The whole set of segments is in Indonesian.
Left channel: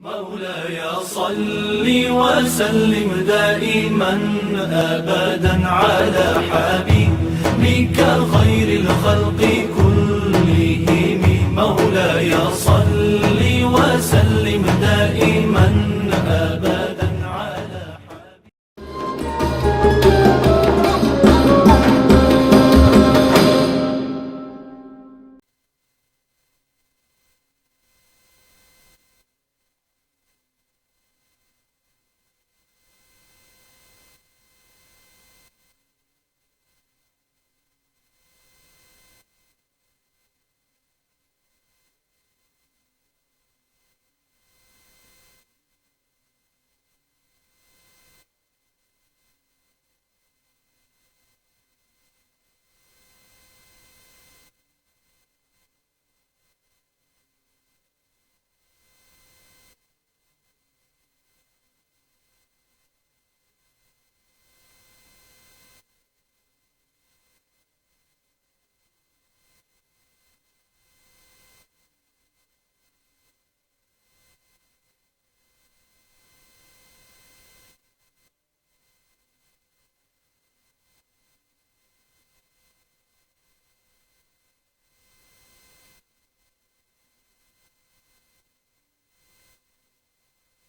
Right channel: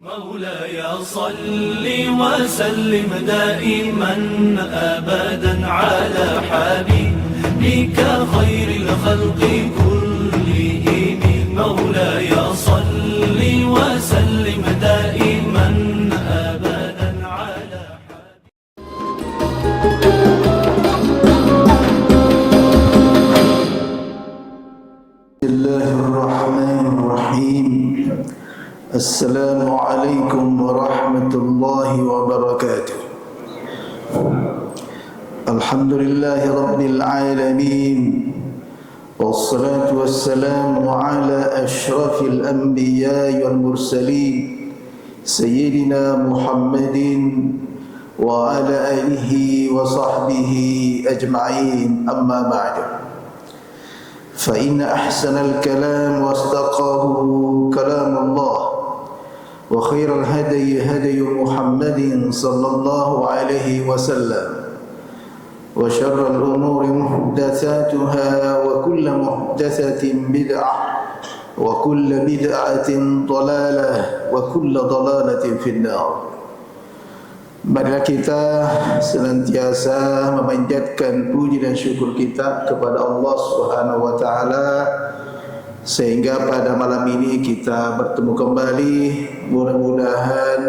مولاي صل وسلم دائما أبدا على حبيبك خير الخلق كلهم. مولاي صل وسلم دائما أبدا على بسم الله الرحمن الرحيم. السلام عليكم ورحمة الله وبركاته. الحمد لله رب العالمين، والصلاة والسلام على أشرف الأنبياء والمرسلين سيدنا محمد وعلى آله وصحبه أجمعين. أما بعد، فإن أحسن الكلام واصدقه كلام الله، وخير الهدي هدي محمد صلى الله عليه وسلم، وشر الأمور محدثاتها، وكل محدثة بدعة، وكل بدعة ضلالة، وكل ضلالة في النار. Marilah kita senantiasa memanjatkan puji dan syukur kita kepada Allah Subhanahu wa taala, sehingga pada malam ini kita bertemu kembali. Mudah-mudahan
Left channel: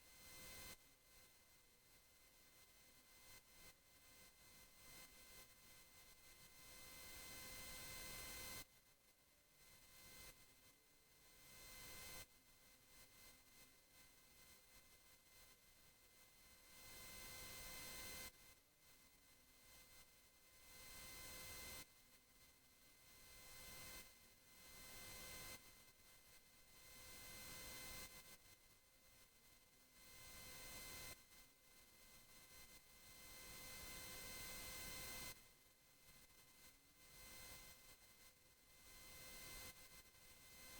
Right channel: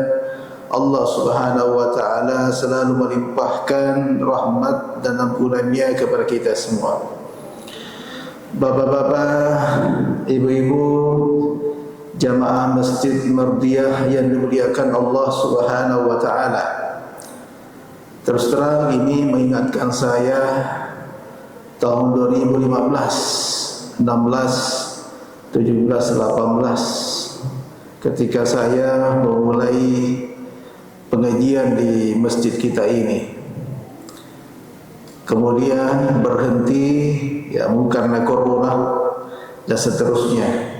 Allah Subhanahu wa taala selalu melimpahkan rahmat dan ampunannya kepada kita semua. Bapak-bapak, ibu-ibu, jamaah Masjid Mardiyah yang dimuliakan Allah Subhanahu wa taala. Terus terang ini mengingatkan saya tahun 2015, 16, 17, 18 ketika saya memulai pengajian di masjid kita ini. Kemudian berhenti ya karena corona dan seterusnya.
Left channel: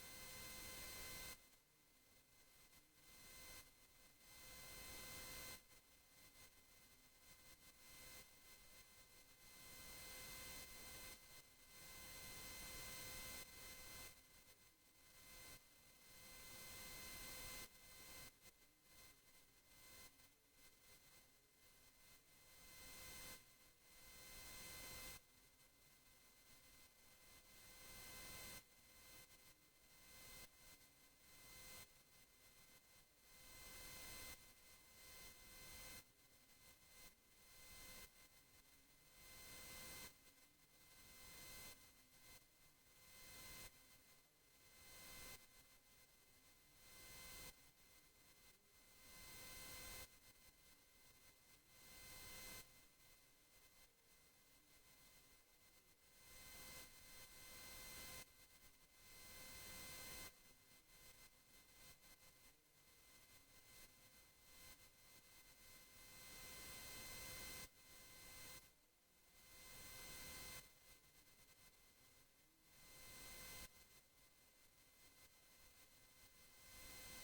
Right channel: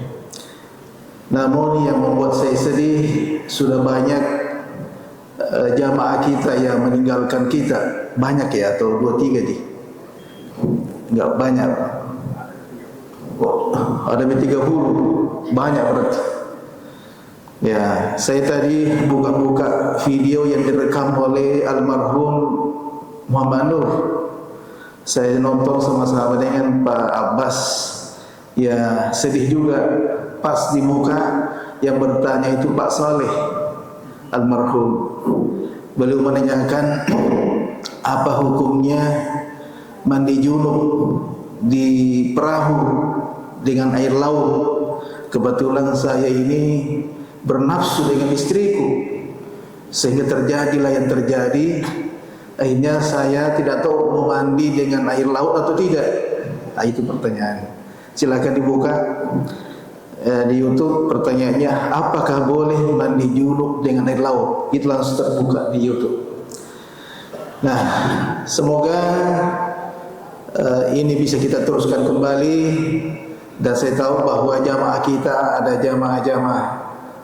Namun yang membuat saya sedih, sudah banyak jamaah kita yang meninggalkan kita. Banyak ya, atau 2-3 nih? Enggak banyak. Oh, ada 30, banyak berarti. Ya, saya tadi buka-buka video yang direkam oleh almarhum Muhammad Nur. Saya nonton sama-sama dengan Pak Abbas. Ya, sedih juga. Pas di muka yang bertanya itu Pak Saleh almarhum. Beliau menanyakan apa hukumnya mandi junub di perahu dengan air laut. Kebetulan saya ini bernafsu dengan istriku, sehingga terjadilah yang terjadi. Akhirnya saya tidak tahu mau mandi dengan air laut atau tidak. Nah, itu pertanyaan. Silakan dibuka di YouTube, pertanyaannya apakah boleh mandi junub dengan air laut. Itu langsung terbuka di YouTube. Nah, semoga ini bisa kita teruskan kembali. Dan saya tahu bahwa jamaah kita ada jamaah-jamaah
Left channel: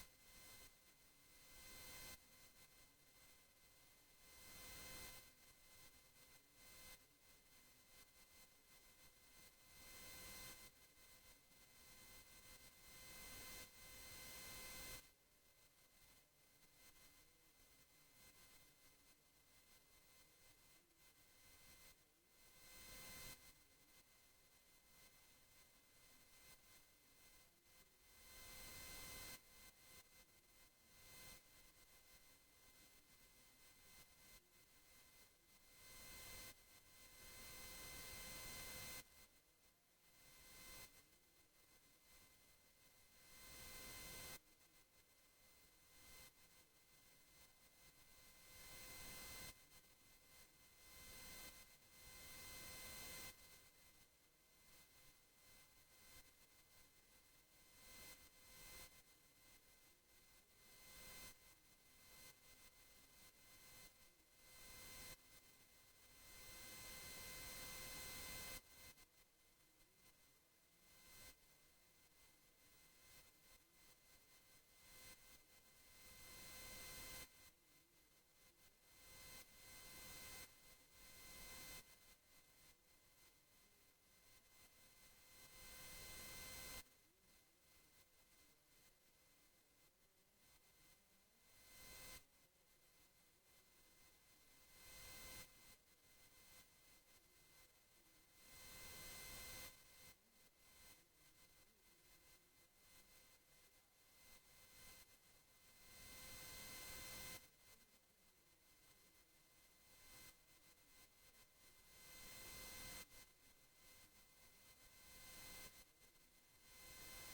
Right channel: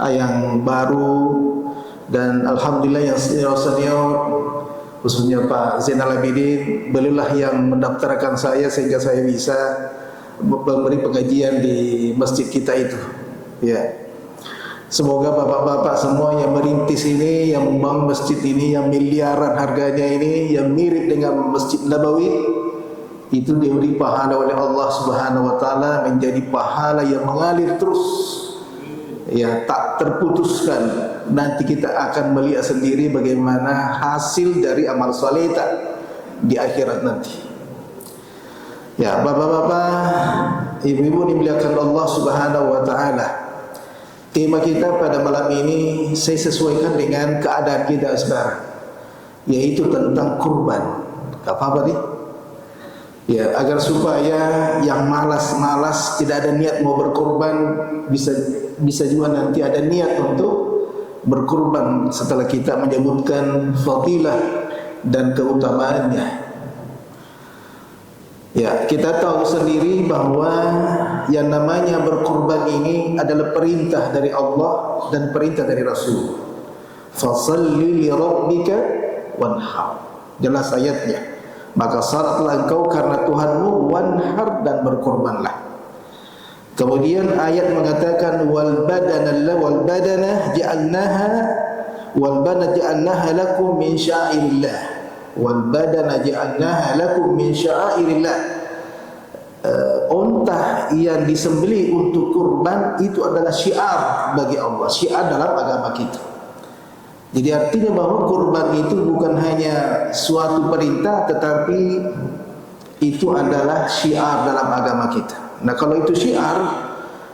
yang baru, dan alhamdulillah yang senior-senior, khususnya Pak Zainal Abidin, beliaulah yang mendaftarkan saya sehingga saya bisa memberi pengajian di masjid kita itu. Ya, semoga bapak-bapak semua yang merintis ini, yang membangun masjid ini, yang miliaran harganya ini, yang mirip dengan Masjid Nabawi, itu diberi pahala oleh Allah Subhanahu wa taala menjadi pahala yang mengalir terus, ya, tak terputuskan. Nanti kita akan melihat sendiri bagaimana hasil dari amal saleh di akhirat nanti. Ya, bapak-bapak, ibu-ibu dimuliakan Allah Subhanahu wa taala. Tema kita pada malam ini saya sesuaikan dengan keadaan kita sekarang, yaitu tentang kurban. Gak apa-apa nih? Ya, agar supaya yang malas-malas tidak ada niat mau berkurban, bisa juga nanti ada niat untuk berkurban setelah kita menyebutkan fadilah dan keutamaannya. Ya, kita tahu sendiri bahwa yang namanya berkurban ini adalah perintah dari Allah dan perintah dari Rasul. Fasalli li rabbika wanhar. Jelas ayatnya. Maka salatlah engkau karena Tuhanmu, wanhar, dan berkurbanlah. Kemudian ayat mengatakan wal badana ja'alnaha lakum min sya'airillah. Wal badana ja'alnaha lakum min sya'airillah. Unta yang disembelih untuk kurban itu adalah syiar bagi Allah, syiar dalam agama kita. Jadi artinya bahwa kurban itu bukan hanya suatu perintah, tetapi itu adalah syiar dalam agama kita. Nah, kalau itu syiar,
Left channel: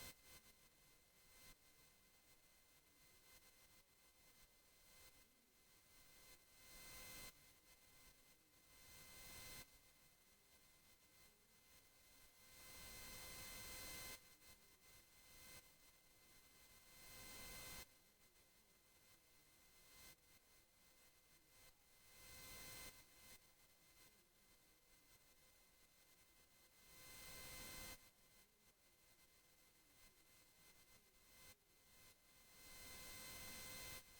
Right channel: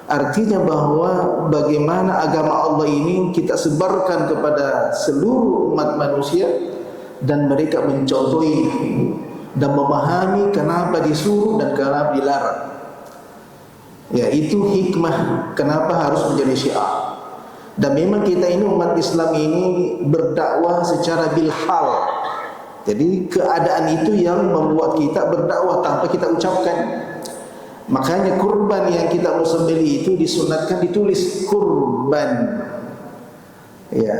artinya bahwa bagaimana agama Allah ini kita sebarkan kepada seluruh umat manusia, dan mereka mencontohi dan memahami kenapa disuruh dan kenapa dilarang. Ya, itu hikmah kenapa harus menjadi syiar. Dan memang kita ini umat Islam ini berdakwah secara bilhal. Jadi keadaan itu yang membuat kita berdakwah tanpa kita ucapkan. Makanya kurban yang kita mau sembelih itu disunatkan ditulis kurban. Ya.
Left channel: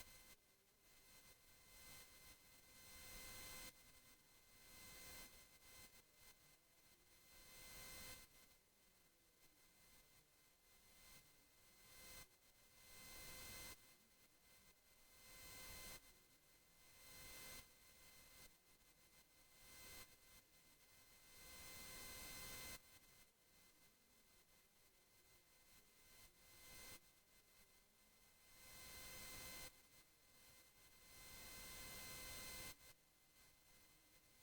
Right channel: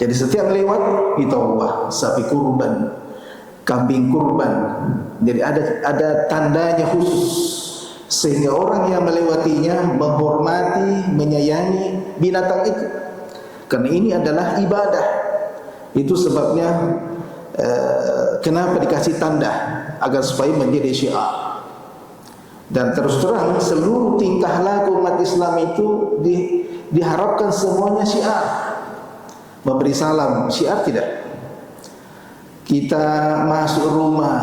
Jadi setiap lewat kita Allah sapi kurban, kambing kurban. Jadi ada tandanya khusus sehingga orang yang melewatinya menghormati, menyayangi binatang itu. Karena ini adalah ibadah. Itu sebabnya kenapa dikasih tanda agar supaya menjadi syiar. Dan terus terang seluruh tingkah laku umat Islam itu diharapkan semuanya syiar. Memberi salam syiar tidak? Kita masuk rumah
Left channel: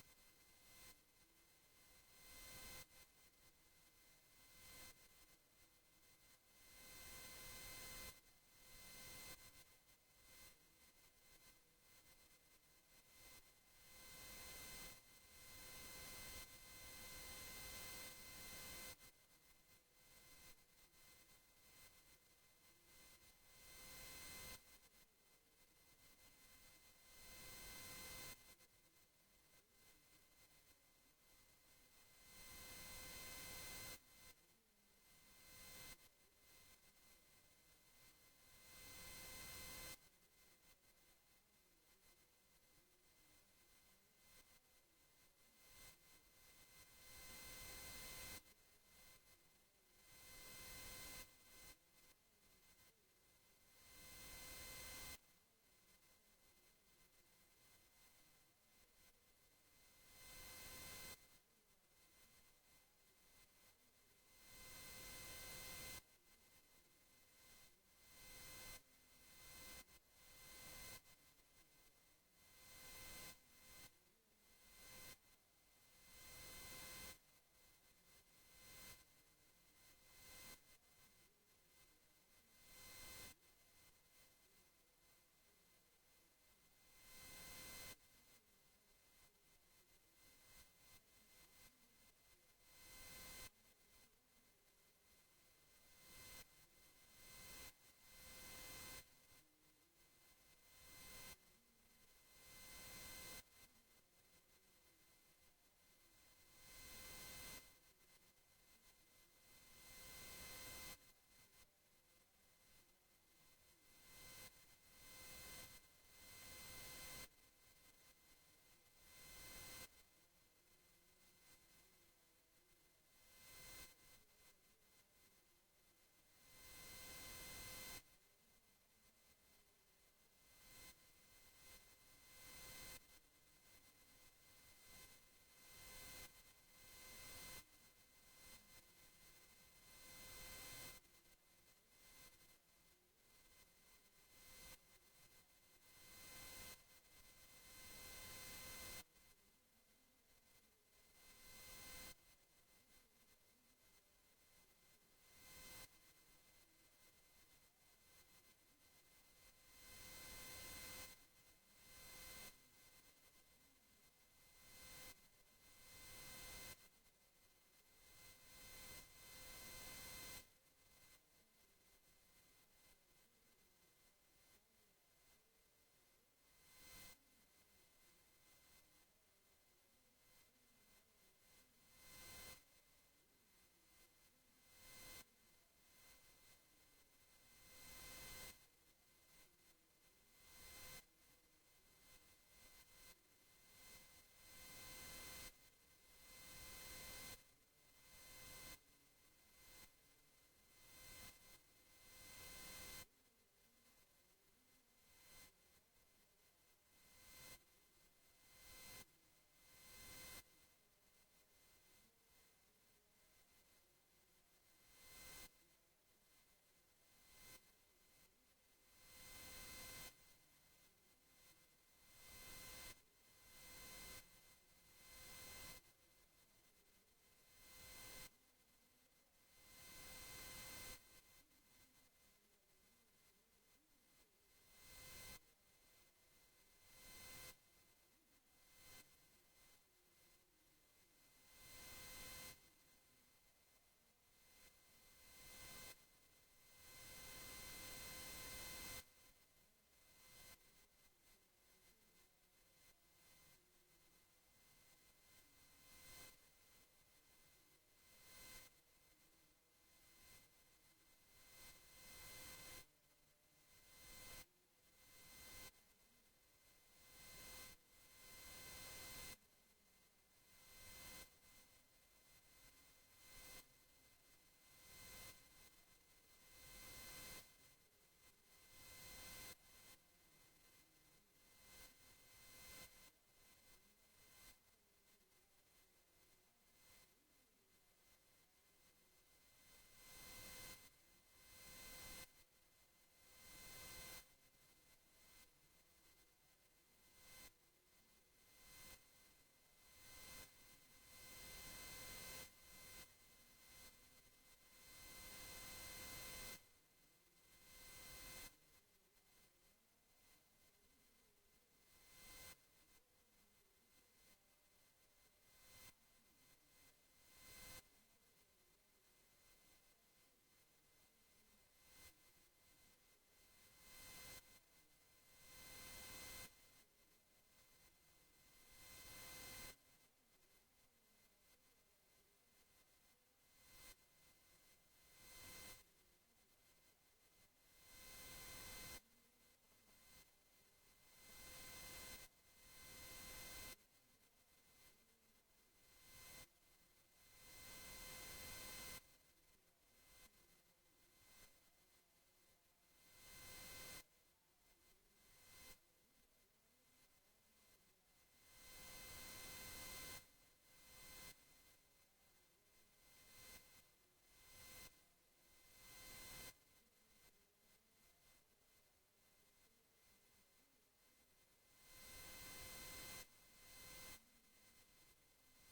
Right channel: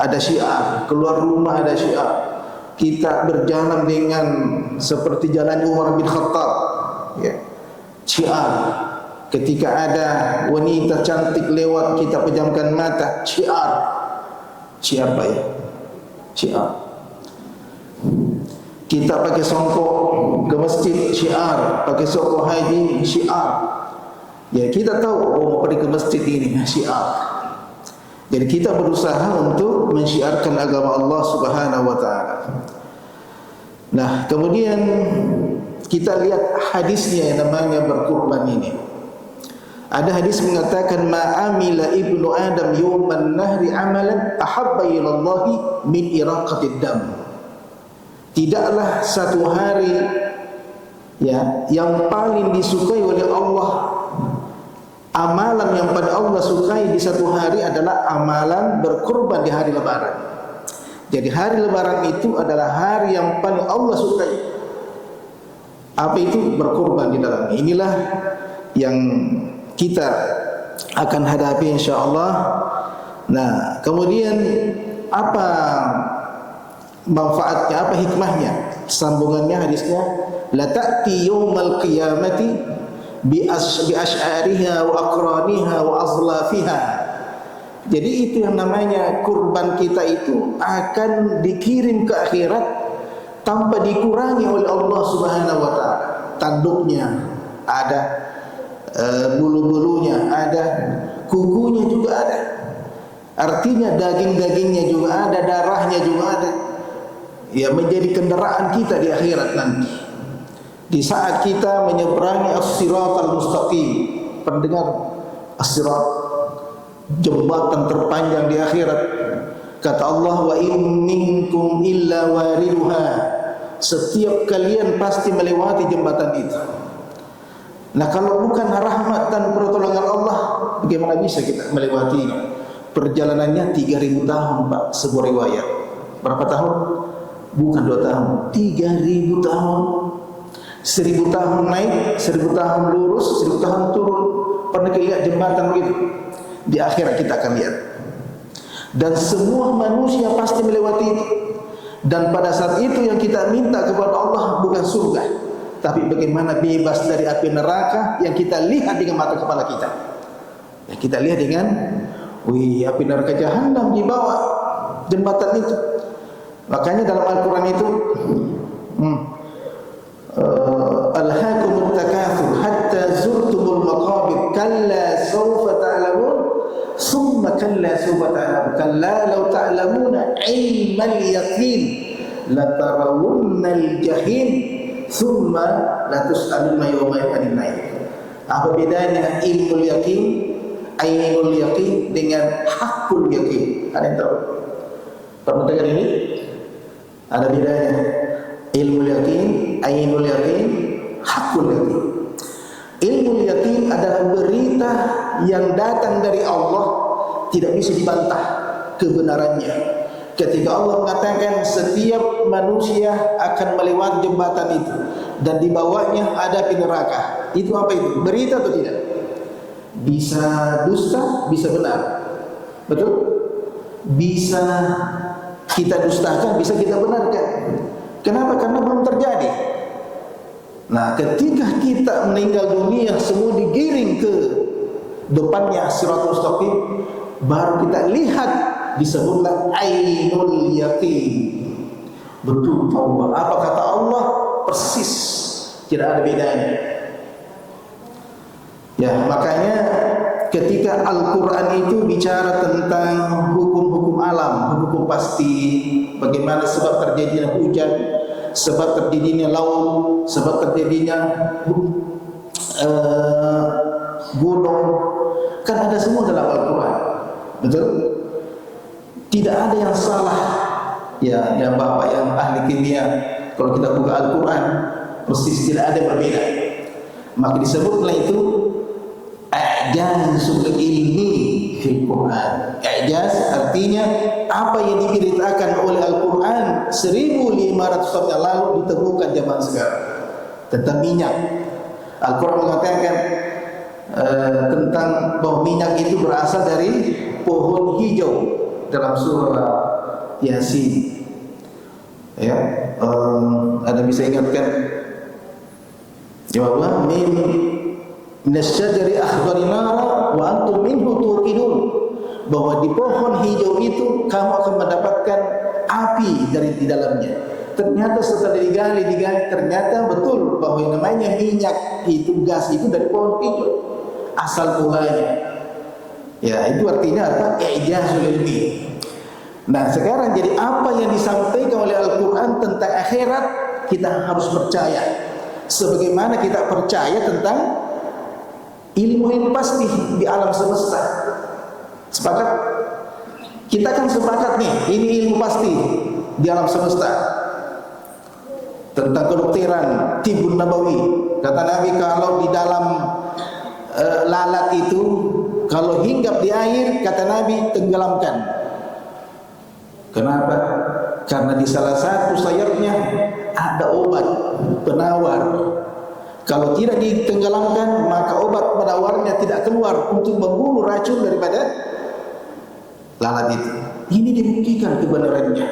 ada syiar, keluar rumah ada syiar. Kita berjalan dengan seperti jalan Umar bin Khattab, ya, syiar. Ketika ada wanita cantik lewat, kita pejamkan mata, syiar. Syiar apa ya? Syiar. Kita pakai songkok ke masjid, syiar. Pakai songkok haji, syiar. Ya, kita tahu mau pergi ke masjid ini, syiar. Jadi kita berusaha untuk mensyiarkan agama Allah Subhanahu wa taala. Nah, kemudian kita lihat hadisnya yang namanya berkurban ini. Ada hadis mengatakan ma'amila ibnu Adam yawman nahri amalan ahabba ilallahi min iraqatid dam. Tidaklah satu hari ya yang paling disukai oleh Allah, amalan yang pada Allah sukai di satu hari adalah amalan berkurban di hari lebaran. Jadi hari lebaran itu adalah hari yang paling Allah sukai. Apa itu? Berkurban di dalamnya. Inilah yang kita akan hadapi insyaallah. Nah, kemudian apa manfaatnya, apa hikmahnya? Sambungannya hadisnya, la ta'ti yaumal qiyamati bi asy'ariha wa aqraniha wa azlafiha. Jadi itu yang namanya kurban kita itu akan dikirim ke akhirat tanpa dikurangi oleh Allah Subhanahu wa taala. Tanduknya ada, bulu-bulunya ada, kukunya juga ada. Artinya daging-dagingnya juga ada, darahnya juga ada. Ya, menjadi kendaraan kita di akhirat nanti. Di saat kita menyeberangi as-siratal mustaqim. Pendengar as-sirat, jembatan terpanjang di akhirat. Kata Allah, wa in minkum illa wariduha. Setiap kalian pasti melewati jembatan itu. Nah, kalau bukan rahmat dan pertolongan Allah, bagaimana bisa kita melewati? Perjalanannya 3000 tahun, Pak, sebuah riwayat. Berapa tahun? Bukan 2 tahun, 3000 tahun. 1000 tahun naik, 1000 tahun lurus, 1000 tahun turun. Pernah kita lihat jembatan begitu? Di akhirat kita akan lihat. Dan semua manusia pasti melewati itu. Dan pada saat itu yang kita minta kepada Allah bukan surga, tapi bagaimana bebas dari api neraka yang kita lihat dengan mata kepala kita. Yang kita lihat dengan, wih, api neraka jahanam di bawah jembatan itu. Makanya dalam Al-Quran itu alhaakumut takatsur hatta zurtumul maqabir kalla sawfa ta'lamun thumma kalla sawfa ta'lamun kalla law ta'lamuna ilmal yaqin latarawunnal jahim thumma latus'alunna yawma idhin 'anil. Apa bedanya ilmul yaqin, ainul yaqin dengan hakul yaqin? Ada yang tahu? Pernah dengar ini? Ada bedanya. Ilmu yakin, ainul yakin, hakul yakin. Ilmu yakin adalah berita yang datang dari Allah, tidak bisa dibantah kebenarannya. Ketika Allah mengatakan setiap manusia akan melewati jembatan itu dan di bawahnya ada api neraka, itu apa itu? Berita atau tidak? Bisa dusta, bisa benar. Betul? Bisa kita dustakan, bisa kita benarkan. Kenapa? Karena belum terjadi. Nah, ketika kita meninggal dunia, semua digiring ke depannya Siratul Mustaqim, baru kita lihat disebutlah ainul yaqin. Betul Allah. Apa kata Allah? Persis, tidak ada bedanya. Ya, makanya ketika Al-Quran itu bicara tentang hukum-hukum alam, hukum pasti, bagaimana sebab terjadinya hujan, sebab terjadinya laut, sebab terjadinya gunung, kan ada semua dalam Al-Quran. Betul? Tidak ada yang salah. Ya, yang bapak yang ahli kimia, kalau kita buka Al-Quran, persis tidak ada yang berbeda. Maka disebutlah itu i'jazul ilmi fil Quran. I'jaz artinya apa yang diberitakan oleh Al-Quran 1500 tahun yang lalu ditemukan zaman sekarang tentang minyak. Al-Quran mengatakan tentang bahwa minyak itu berasal dari pohon hijau dalam surah Yasin. Ya, ada bisa ingatkan? Jawablah minasyajari akhbari nara wa antum minhu tuqidun, bahwa di pohon hijau itu kamu akan mendapatkan api dari di dalamnya. Ternyata setelah digali ternyata betul bahwa yang namanya minyak itu, gas itu dari pohon hijau asal mulanya. Ya, itu artinya apa? I'jazul ilmi. Nah, sekarang jadi apa yang disampaikan oleh Al-Quran tentang akhirat kita harus percaya, sebagaimana kita percaya tentang ilmu pasti di alam semesta. Sepakat? Kita kan sepakat nih, ini ilmu pasti di alam semesta. Tentang kedokteran, tibun nabawi. Kata Nabi, kalau di dalam lalat itu, kalau hinggap di air, kata Nabi, tenggelamkan. Kenapa? Karena di salah satu sayapnya ada obat penawar. Kalau tidak ditenggelamkan, maka obat penawarnya tidak keluar untuk membunuh racun daripada lalat itu. Ini dibuktikan kebenarannya.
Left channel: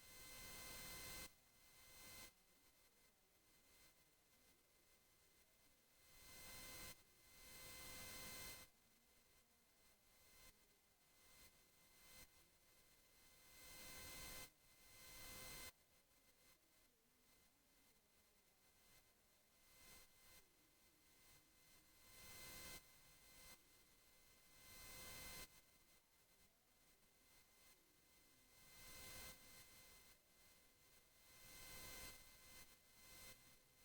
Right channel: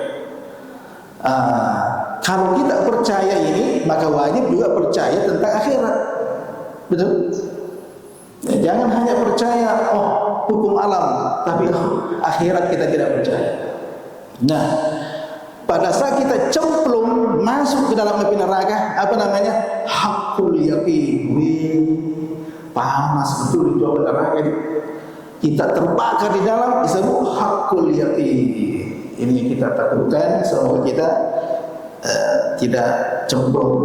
Kalau kita percaya ini, maka wajib juga percaya tentang akhirat. Betul? Ya, jangan hanya percaya hukum alam, tapi akhirat kita tidak percaya. Nah, pada saat kita cemplung masuk ke dalam api neraka, apa namanya? Hakul yaqin. Panas betul itu api neraka itu. Kita terbakar di dalam, disebut hakul yaqin. Ini yang kita takutkan, semoga kita tidak cemplung.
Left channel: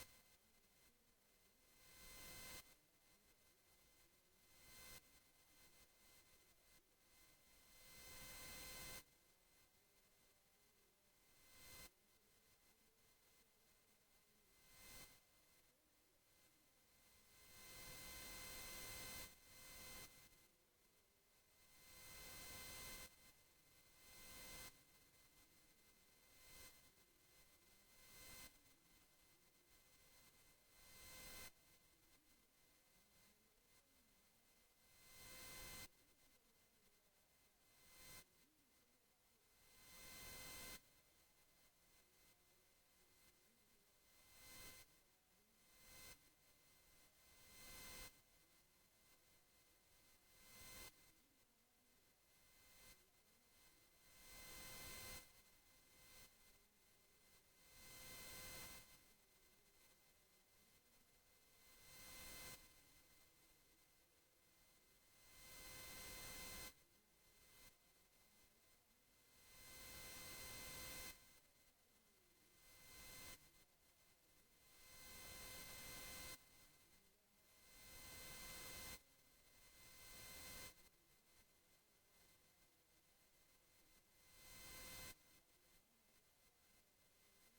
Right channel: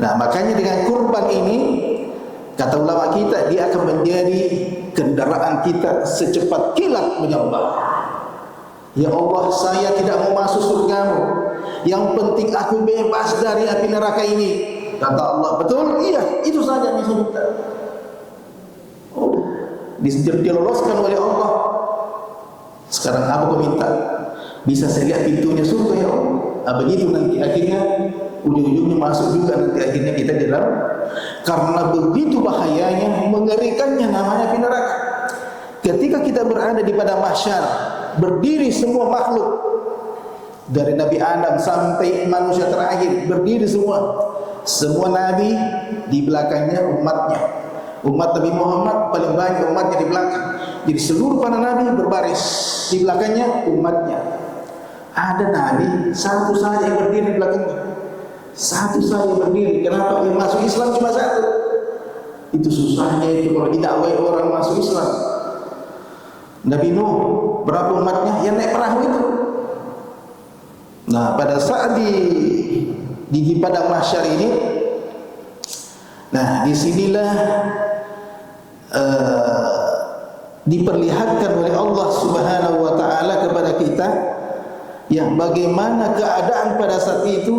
Nah, makanya dengan kurban ini, kata ulama kita, dia akan menjadi kendaraan kita secepat kilat menyembah. Ya Allah, saya tidak mau masuk surgamu, yang penting aku bebas dari api neraka ini. Kata Allah, betul? Iya, itu saja yang saya minta. Diloloskan oleh Allah. Sekarang apa kau minta? Bisa saya lihat pintunya surga ya Allah. Begitu nanti akhirnya ujung-ujungnya masuk juga nanti akhirnya kita di dalam. Karena begitu bahayanya, mengerikannya namanya api neraka. Ketika kita berada di padang mahsyar, berdiri semua makhluk dari Nabi Adam sampai manusia terakhir, berdiri semua nabi, di belakangnya umatnya. Umat Nabi Muhammad paling banyak umatnya di belakang. Jadi seluruh para nabi berbaris, di belakangnya umatnya. Ada nabi satu saja yang berdiri di belakangnya, satu saja yang berdiri. Kenapa? Yang masuk Islam cuma satu. Itu susahnya itu kalau didakwai orang masuk Islam. Nabi Nuh, berapa umatnya yang naik perahu itu? Nah, pada saat di padang mahsyar ini, nah disinilah diperlihatkan oleh Allah Subhanahu wa Ta'ala kepada kita yang bagaimana keadaan pada saat itu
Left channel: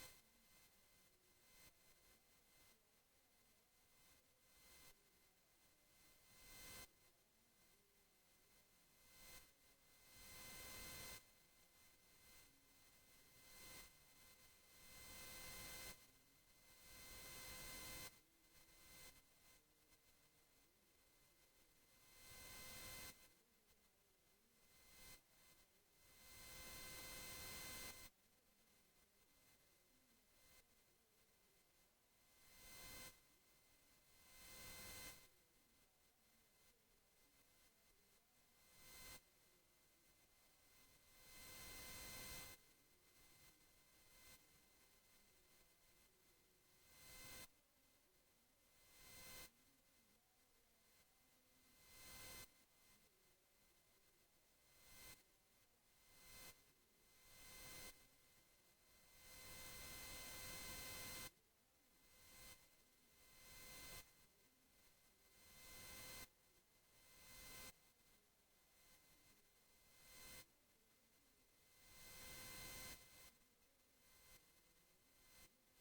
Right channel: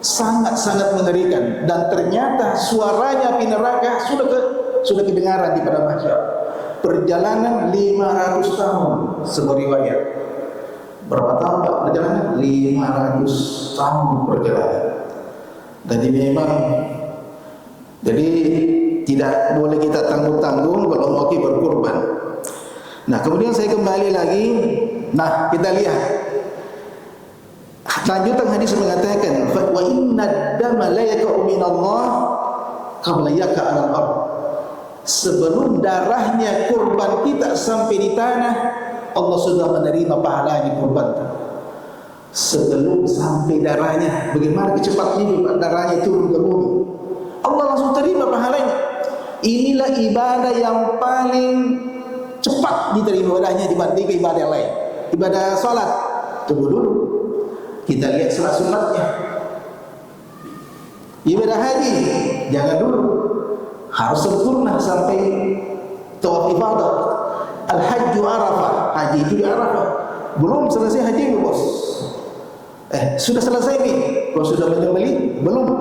sangat-sangat mengerikan, dan ternyata suaranya api neraka sudah kedengaran di padang mahsyar. Perjalanan 500 tahun sebuah riwayat. Berapa tahun Pak perjalanan? 500 tahun perjalanan. Jadi memang, jadi tidak boleh kita tanggung-tanggung kalau mau berkurban. Nah, kemudian saya kembali lagi. Nah, kita lihat lanjutan hadis mengatakan, wa inna dama la yaqa'u minallah qabla yaqa'a al-ard. Sebelum darahnya kurban kita sampai di tanah, Allah sudah menerima pahalanya kurban. Sebelum sampai darahnya, bagaimana kecepatnya darahnya turun ke bumi, Allah langsung terima pahalanya. Inilah ibadah yang paling cepat diterima ibadahnya dibanding ibadah lain. Ibadah salat, tunggu dulu, kita lihat sunat-sunatnya. Ibadah haji, jangan dulu, harus sempurna sampai tawaf ifadah. Al-hajju Arafah, haji itu di Arafah. Belum selesai haji bos. Sudah selesai nih. Kalau sudah menyembelih, belum.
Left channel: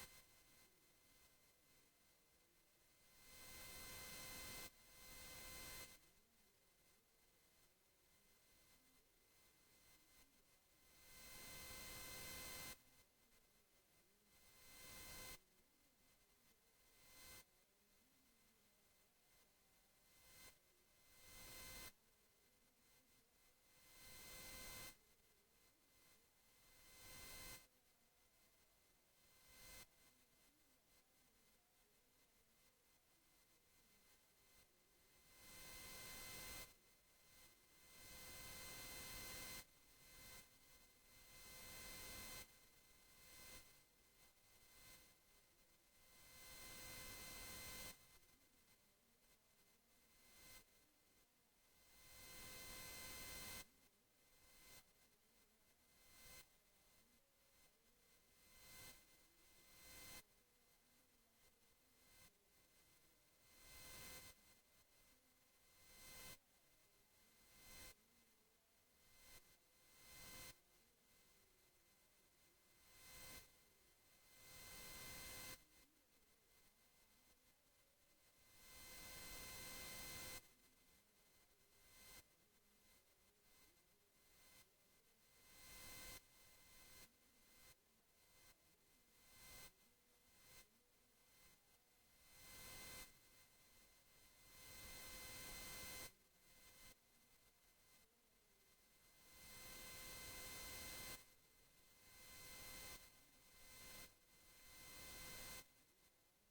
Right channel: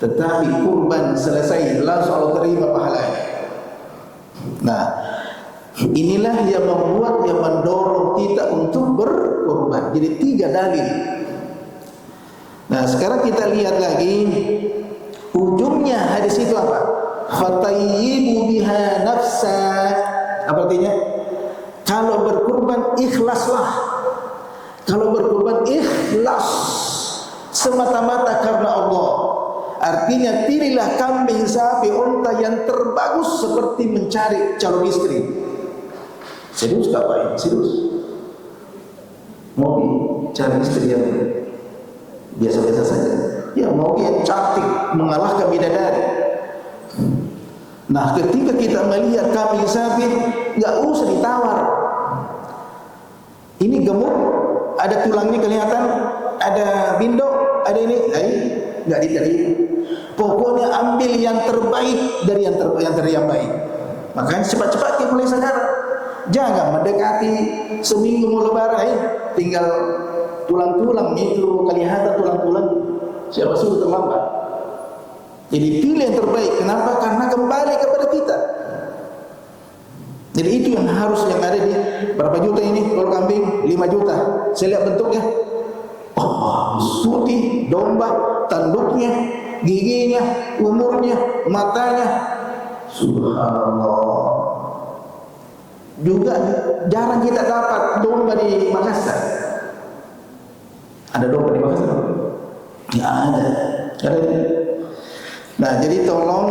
Tetapi kurban selesai, langsung Allah terima pahalanya. Nah, inilah yang membuat, yang mendorong kita untuk berkurban. Jadi 3 dalil. Nah, sekarang kita lihat lagi ujungnya hadis itu apa? Fatayyibu biha nafsa. Apa artinya? Kalau berkurban ikhlaslah. Kalau berkurban ikhlas semata-mata karena Allah. Artinya pilihlah kambing, sapi, unta yang terbagus seperti mencari calon istri. Serius gak Pak ini? Serius? Mau cari istri yang biasa-biasa saja? Ya mau yang cantik, mengalahkan bidadari. Nah, ketika kita melihat kambing sapi, nggak usah ditawar. Ini gemuk, ada tulangnya kelihatan, ada bindok, ada ini, nggak diterima. Pokoknya ambil yang terbaik dari yang terbaik. Makanya cepat-cepat mulai sekarang. Jangan mendekati seminggu mau lebaran, tinggal tulang-tulang itu kelihatan tulang-tulang. Siapa suruh terlambat? Jadi pilih yang terbaik. Kenapa? Karena kembali kepada kita. Jadi itu yang harus, yang ada di berapa juta ini kalau kambing? 5 juta. Saya lihat bentuknya. Oh, putih, domba, tanduknya, giginya, umurnya, matanya. Subhanallah. Juga jarang kita dapat domba di Makassar. Ada domba di Makassar? Nggak ada. Nah, jadi tolong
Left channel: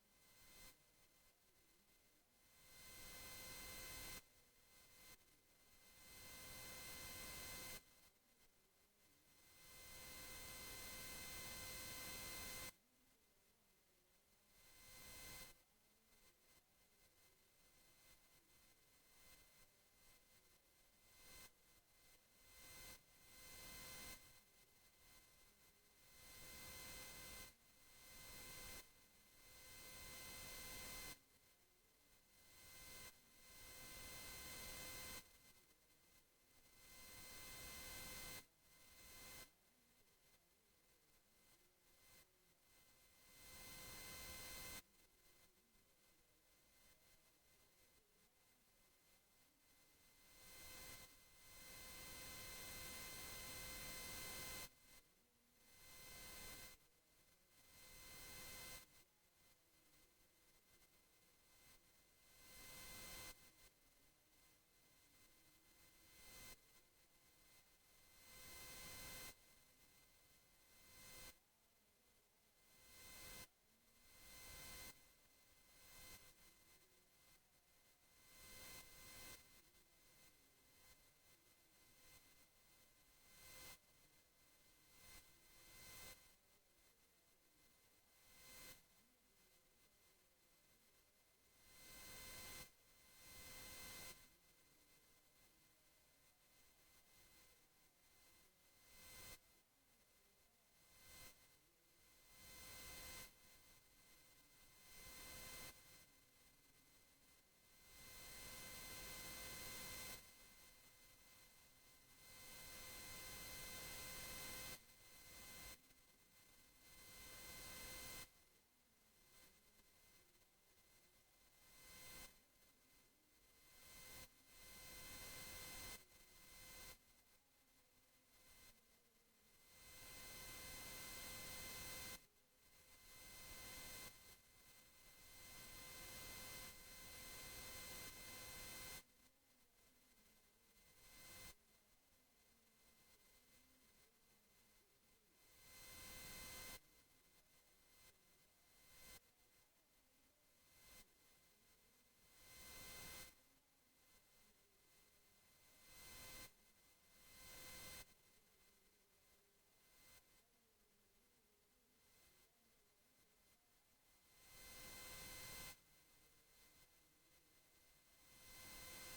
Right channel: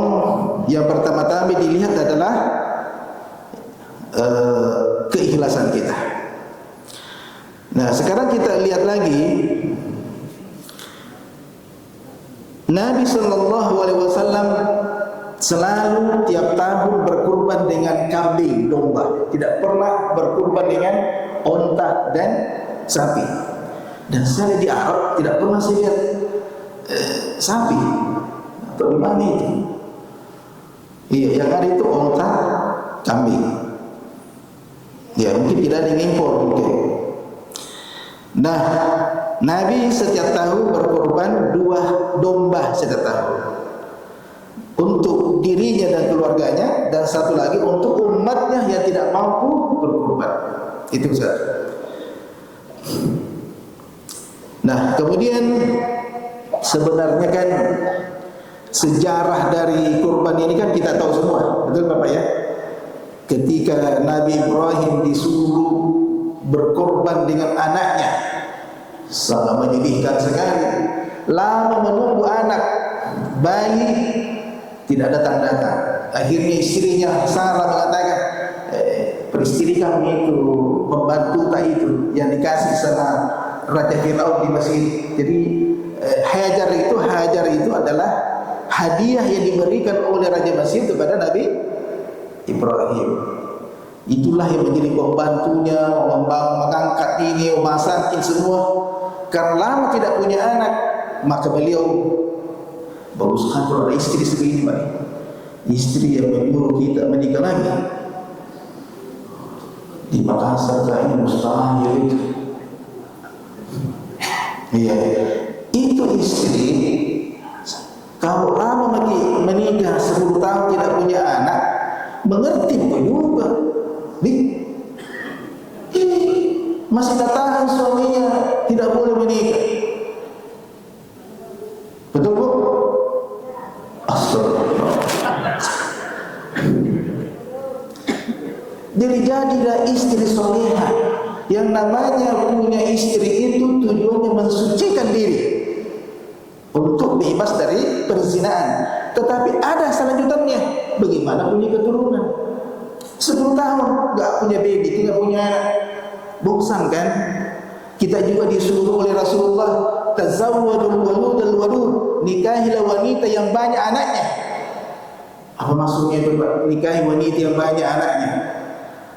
yang pertama-tama dilihat adalah keikhlasan kita. Nah, sekarang kita lihat lagi Nabi Shallallahu Alaihi Wasallam selalu tiap tahun berkurban dengan kambing, domba. Tidak pernah berkurban dengan onta dan sapi. Dan saya di Arab tidak pernah saya lihat sapi atau di mana itu. Iya, yang ada itu onta, kambing. Ya, mungkin tidak ada yang impor mungkin. Nah, Nabi setiap tahun berkorban 2 domba setiap tahun untuk dirinya dan keluarganya, dan satu lagi untuk umatnya yang tidak mampu berkorban. Itu saja. Nah, kemudian sebenarnya kan sejarah dari kurban ini kan kita tahu semua, betul Bapak ya? Ketika Nabi Ibrahim disuruh berkorban dengan anaknya, sangat menyedihkan sekali. Lama menunggu anak, bayi tidak datang-datang. Akhirnya istrinya Sarah mengatakan, peristri kami itu, pembantu tak itu yang dikasih sama Raja Fir'aun di Mesir. Jadi Hajar itu adalah hadiah yang diberikan oleh Raja Mesir kepada Nabi Ibrahim. Itulah yang menjadi pembantunya, mengangkat ini, memasakin semua. Karena lama tidak punya anak, maka beliau berusaha kalau ada istri seperti ini, istri yang menyuruh kita menikah lagi. Di Makassar kayaknya mustahil itu. Iya, itu istri, kalau lama menikah 10 tahun tidak punya anak, mengerti juga. Ini masih tak tahan suaminya, tidak boleh menikah. Betul bu? Astagfirullah. Jadi jadilah istri solehah. Yang namanya punya istri itu tujuannya mensucikan diri untuk bebas dari perzinaan. Tetapi ada selanjutannya, bagaimana punya keturunan. 10 tahun gak punya baby, tidak punya anak, bosan kan? Kita juga disuruh oleh Rasulullah, tazawwadul waludal walud, nikahilah wanita yang banyak anaknya. Apa maksudnya itu Pak? Nikahi wanita yang banyak anaknya.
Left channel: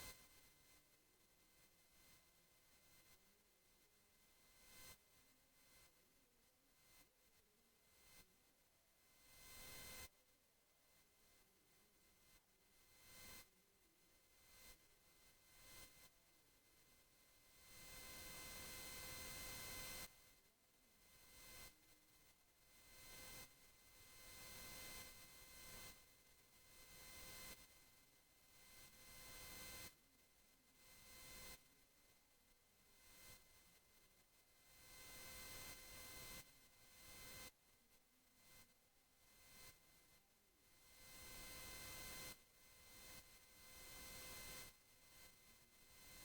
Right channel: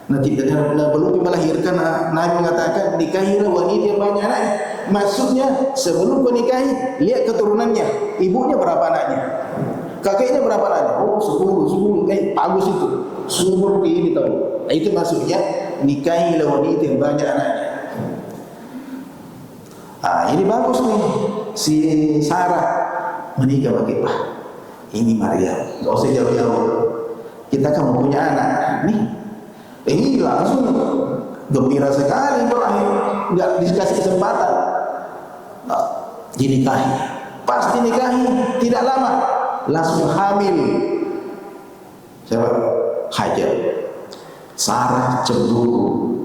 Nanti belum melahirkan, Nabi mengatakan nikahilah wanita yang banyak anaknya. Maksudnya sebelum menikahi, lihat keturunannya, ibunya berapa anaknya, kakeknya berapa anaknya. Oh 10, bagus itu, subur ini tahu. Nah, itu maksudnya nikahilah wanita yang banyak anaknya. Ini bagus nih, si Sarah menikah pakai Pak. Ini Maria, gak usah jauh-jauh. Kita kan mau punya anak nih. Ini langsung gembira sekali berakhir, nggak dikasih kesempatan. Dinikahi, pasti nikahi, tidak lama langsung hamil. Siapa? Hajar. Sarah cemburu.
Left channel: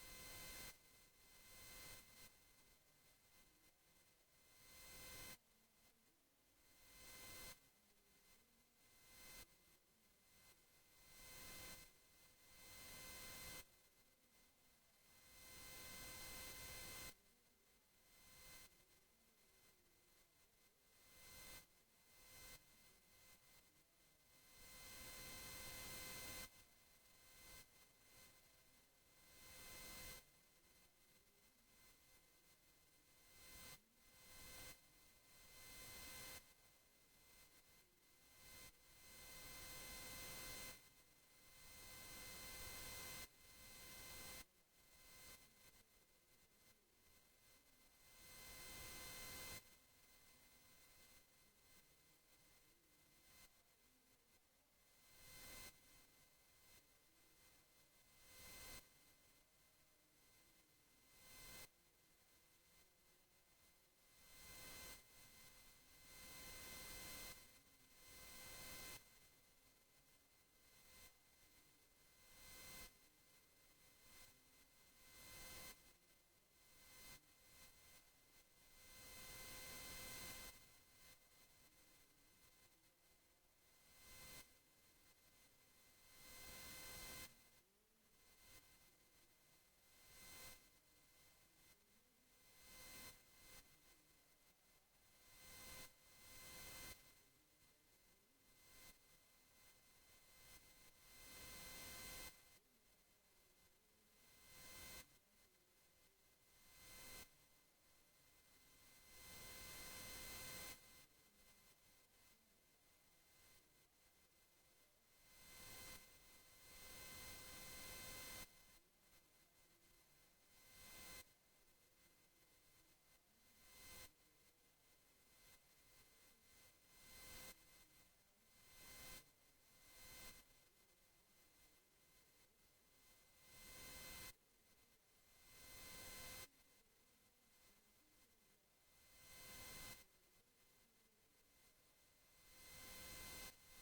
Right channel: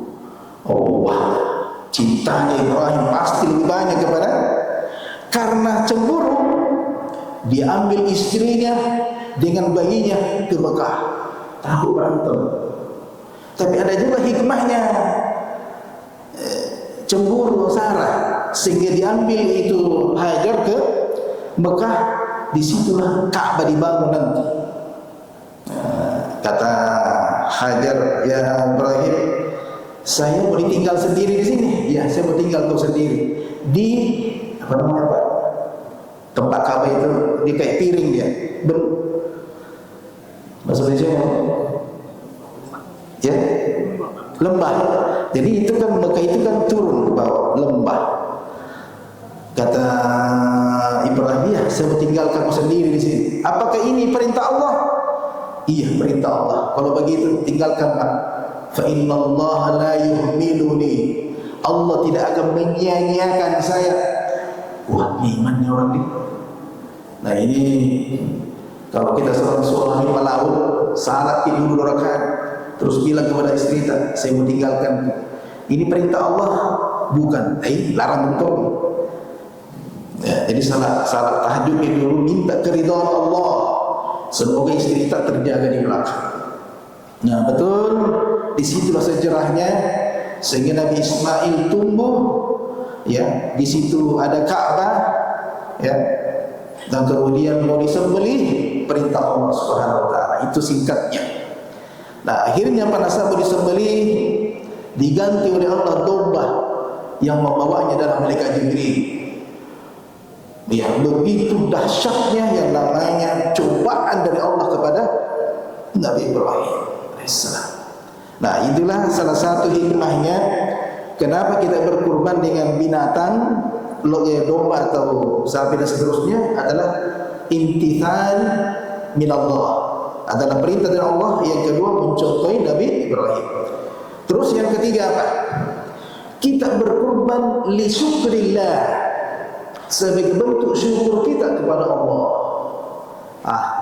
Oh wah, cintanya Ibrahim pasti lebih banyak kepada. Karena cemburu, diambil istrinya dengan bayinya ke Mekah. Tahu berantem. Tapi ada juga hikmahnya, cemburu Sarah sehingga diambil itu Hajar ke Mekah. Disitulah Ka'bah dibangun nanti. Kata Hajar, ya Ibrahim, saya mau ditinggal sendiri di sini. Ya, saya mau tinggal kau sendiri di apa namanya Pak? Tempat Ka'bah itu di kayak piring dia. Bahasa Indonesia ya, lembah. Jadi itu kan Mekah itu kan turun ke bawah lembah. Kata Ibrahim, ya saya mau tinggal kamu sendiri di sini. Apakah ini perintah Allah? Iya, perintah Allah. Kalau begitu tinggalkan Pak. Fa innallaha la yuhmiluni. Allah tidak akan menyia-nyiakan saya. Wah, imannya orang ini. Nah ini kalau kita seorang suami pelaut, salat tidur 2 rakaat, terus bilang kepada istri, saya mau tinggalkan. Ini perintah Allah, bukan. Larang betul. Ya, jadi salat tahajudnya dulu minta keridhaan Allah. Semoga istri kita terjaga di belakang. Nah betul, disitulah sejarahnya sehingga Nabi Ismail tumbuh. Ya, di situ ada Ka'bah. Ya, dan kemudian mau disembelih, perintah Allah Subhanahu Wa Taala. Itu singkatnya. Nah akhirnya pada saat mau disembelih diganti oleh Allah domba yang membawanya adalah malaikat Jibril. Ya, begitu dahsyatnya yang namanya cobaan dari Allah kepada Nabi Ibrahim alaihissalam. Nah itulah salah satu hikmahnya kenapa kita berkurban dengan binatang, domba atau sapi dan seterusnya, adalah imtithal min Allah, adalah perintah dari Allah. Yang kedua mencontohi Nabi Ibrahim. Terus yang ketiga apa? Kita berkurban li syukrillah, sebagai bentuk syukur kita kepada Allah.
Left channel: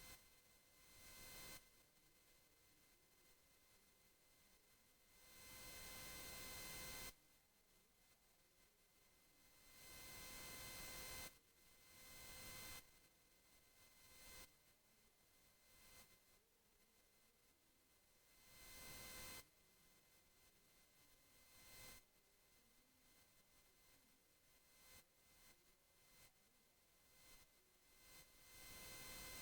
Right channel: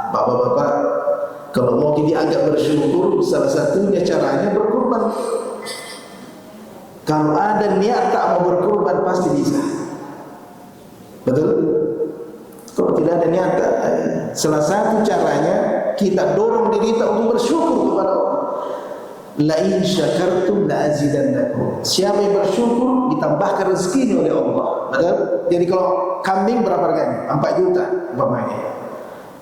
Bapak-bapak, kalau mau dianggap bersyukur, salah satunya caranya berkurban. Kalau ada niat tak mau berkurban pasti bisa. Betul? Kalau tidak ada niat, salah satu caranya kita dorong diri kita untuk bersyukur kepada Allah. La in syakartum la azidannakum. Siapa yang bersyukur ditambahkan rezekinya oleh Allah. Betul? Jadi kalau kambing berapa harganya? 4 juta umpamanya.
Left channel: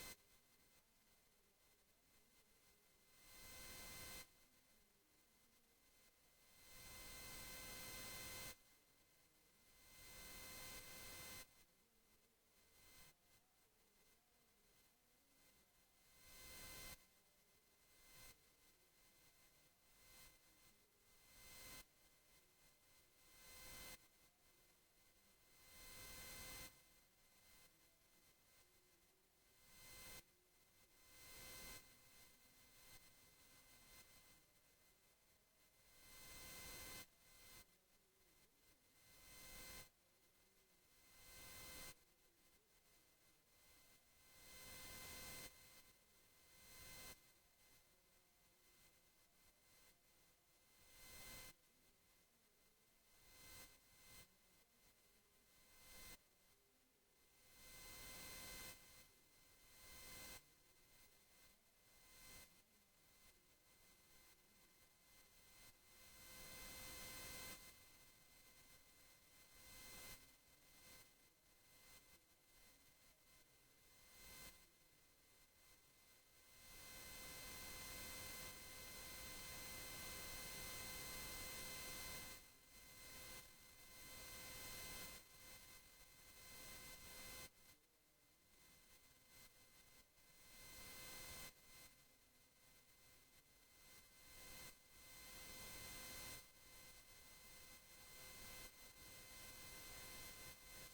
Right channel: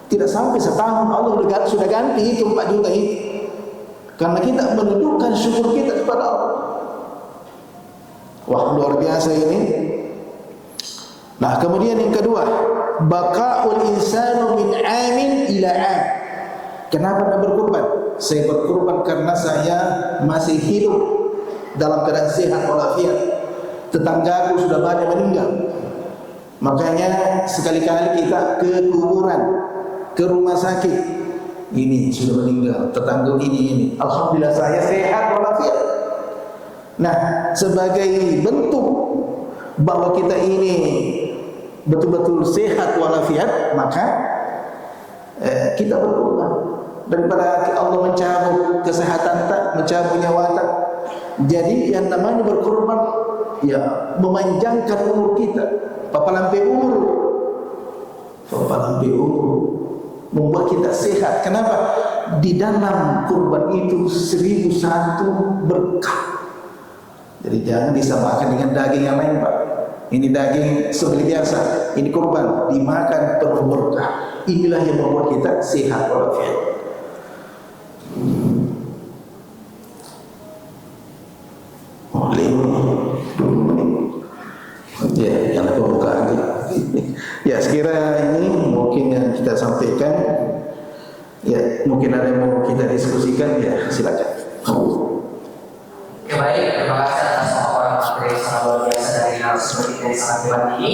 Tidak sampai setahun Allah sudah ganti itu 4 juta itu. Karena kita menunjukkan syukur kita kepada Allah. Wah, luar biasa ini. Nah, kemudian yang kedua, baqaul insanu min amin ila am. Kenapa Anda berkurban? Saya berkurban karena saya masih hidup dalam keadaan sehat walafiat. Tetanggaku sudah banyak meninggal. Makanya sekali-kali kita ke kuburan, ke rumah sakit, ini sudah meninggal, tetangga ini. Alhamdulillah saya sehat walafiat. Nah, sebagai bentuk bahwa kita ini betul-betul sehat walafiat, maka kita berkurban daripada Allah mencabut kesehatan tak, mencabut nyawa tak. Jadi yang namanya berkorban ya memanjangkan umur kita, papalampe umur, membuat kita sehat. Kenapa? Di dalam kurban itu 1001 berkah. Jadi jangan disamakan dengan daging yang lain, Pak. Ini daging seperti biasa, ini kurban dimakan penuh berkah. Inilah yang membuat kita sehat walafiat. Ya, yang pembukaan. Ya, sekira ini mungkin yang kita sampaikan. Ya, mungkin ada yang mau kita diskusikan, ya silakan. Ya baik, terima kasih atas pemaparan materi yang sangat luar biasa dari narasumber kita yang sangat hebat ini.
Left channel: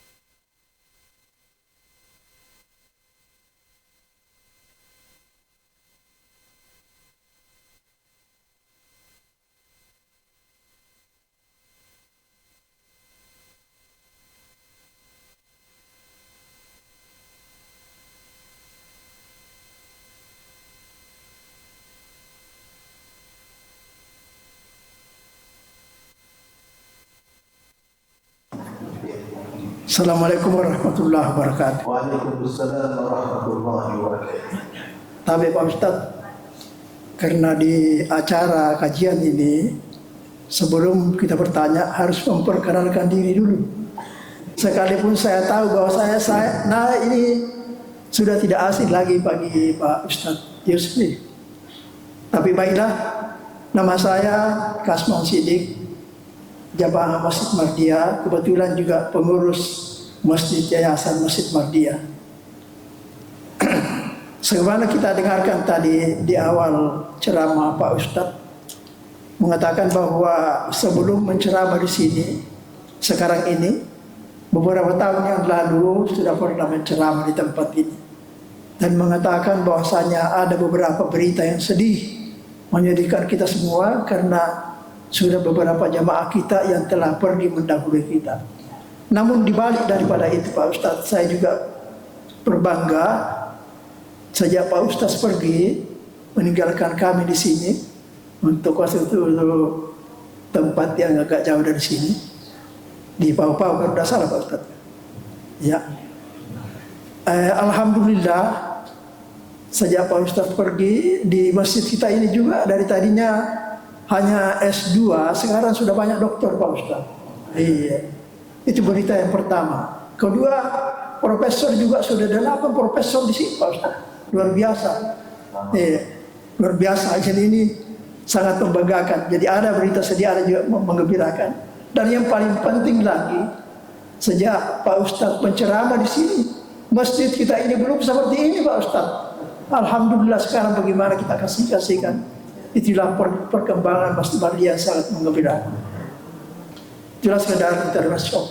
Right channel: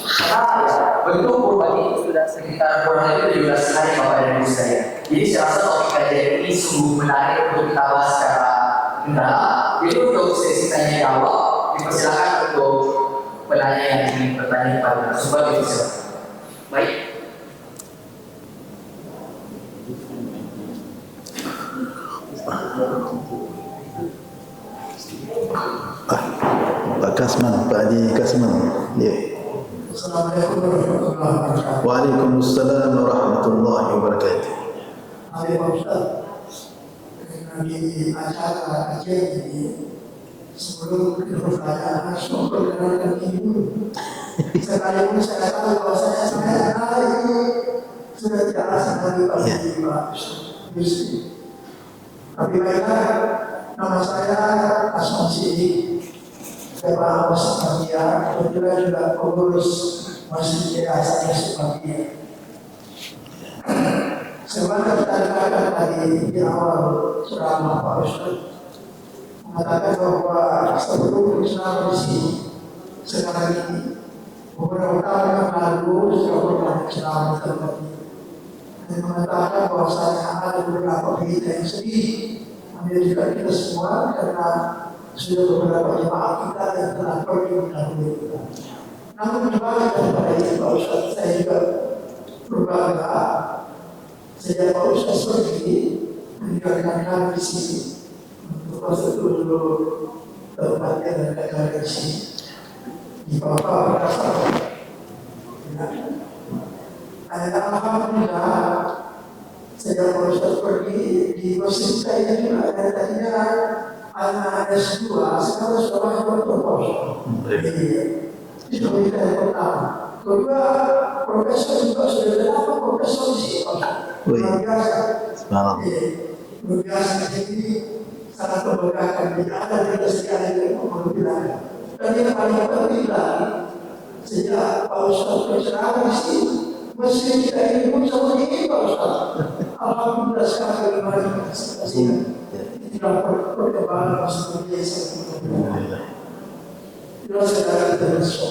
Karena ya, bentuk kurban ini sudah sekitar kurang lebih 17 hari Bapak dan Ibu sekalian. Jadi saya rasa topik kajian ini sungguh menarik untuk kita bahas secara mendalam. Jadi untuk sesi tanya jawab, dipersilakan untuk penanya yang ingin bertanya kepada narasumber itu silakan. Baik. Pak Kasman, Pak Haji Kasman. Ya. Assalamualaikum warahmatullahi wabarakatuh. Waalaikumsalam warahmatullahi wabarakatuh. Tapi Pak Ustaz, karena di acara kajian ini, sebelum kita bertanya harus memperkenalkan diri dulu. Sekalipun saya tahu bahwa nah ini sudah tidak asing lagi Pak Pak Ustaz Yusri. Tapi baiklah, nama saya Kasman Sidik, Jamaah Masjid Mardiyah, kebetulan juga pengurus Masjid Yayasan Masjid Mardiyah. Sebagaimana kita dengarkan tadi di awal ceramah Pak Ustadz mengatakan bahwa sebelum menceramah di sini, sekarang ini beberapa tahun yang lalu sudah pernah menceramah di tempat ini dan mengatakan bahwasanya ada beberapa berita yang sedih menyedihkan kita semua karena sudah beberapa jamaah kita yang telah pergi mendahului kita. Namun dibalik daripada itu Pak Ustadz, saya juga berbangga sejak Pak Ustadz pergi meninggalkan kami di sini untuk suatu tempat yang agak jauh dari sini di Papua berdasar. Ya, alhamdulillah sejak Pak Ustadz pergi di masjid kita ini juga dari tadinya hanya S2, sekarang sudah banyak dokter Pak Ustadz. Iya. Itu berita yang pertama. Kedua, profesor juga sudah ada 8 profesor di sini Pak Ustadz. Luar biasa. Iya. Luar biasa. Jadi ini sangat membanggakan. Jadi ada berita sedih, ada juga menggembirakan. Dan yang paling penting lagi, sejak Pak Ustadz penceramah di sini, masjid kita ini belum seperti ini Pak Ustadz. Alhamdulillah sekarang bagaimana kita kasihkan. Itulah perkembangan Masjid Mardiyah sangat menggembirakan. Jelas keadaan termasuk.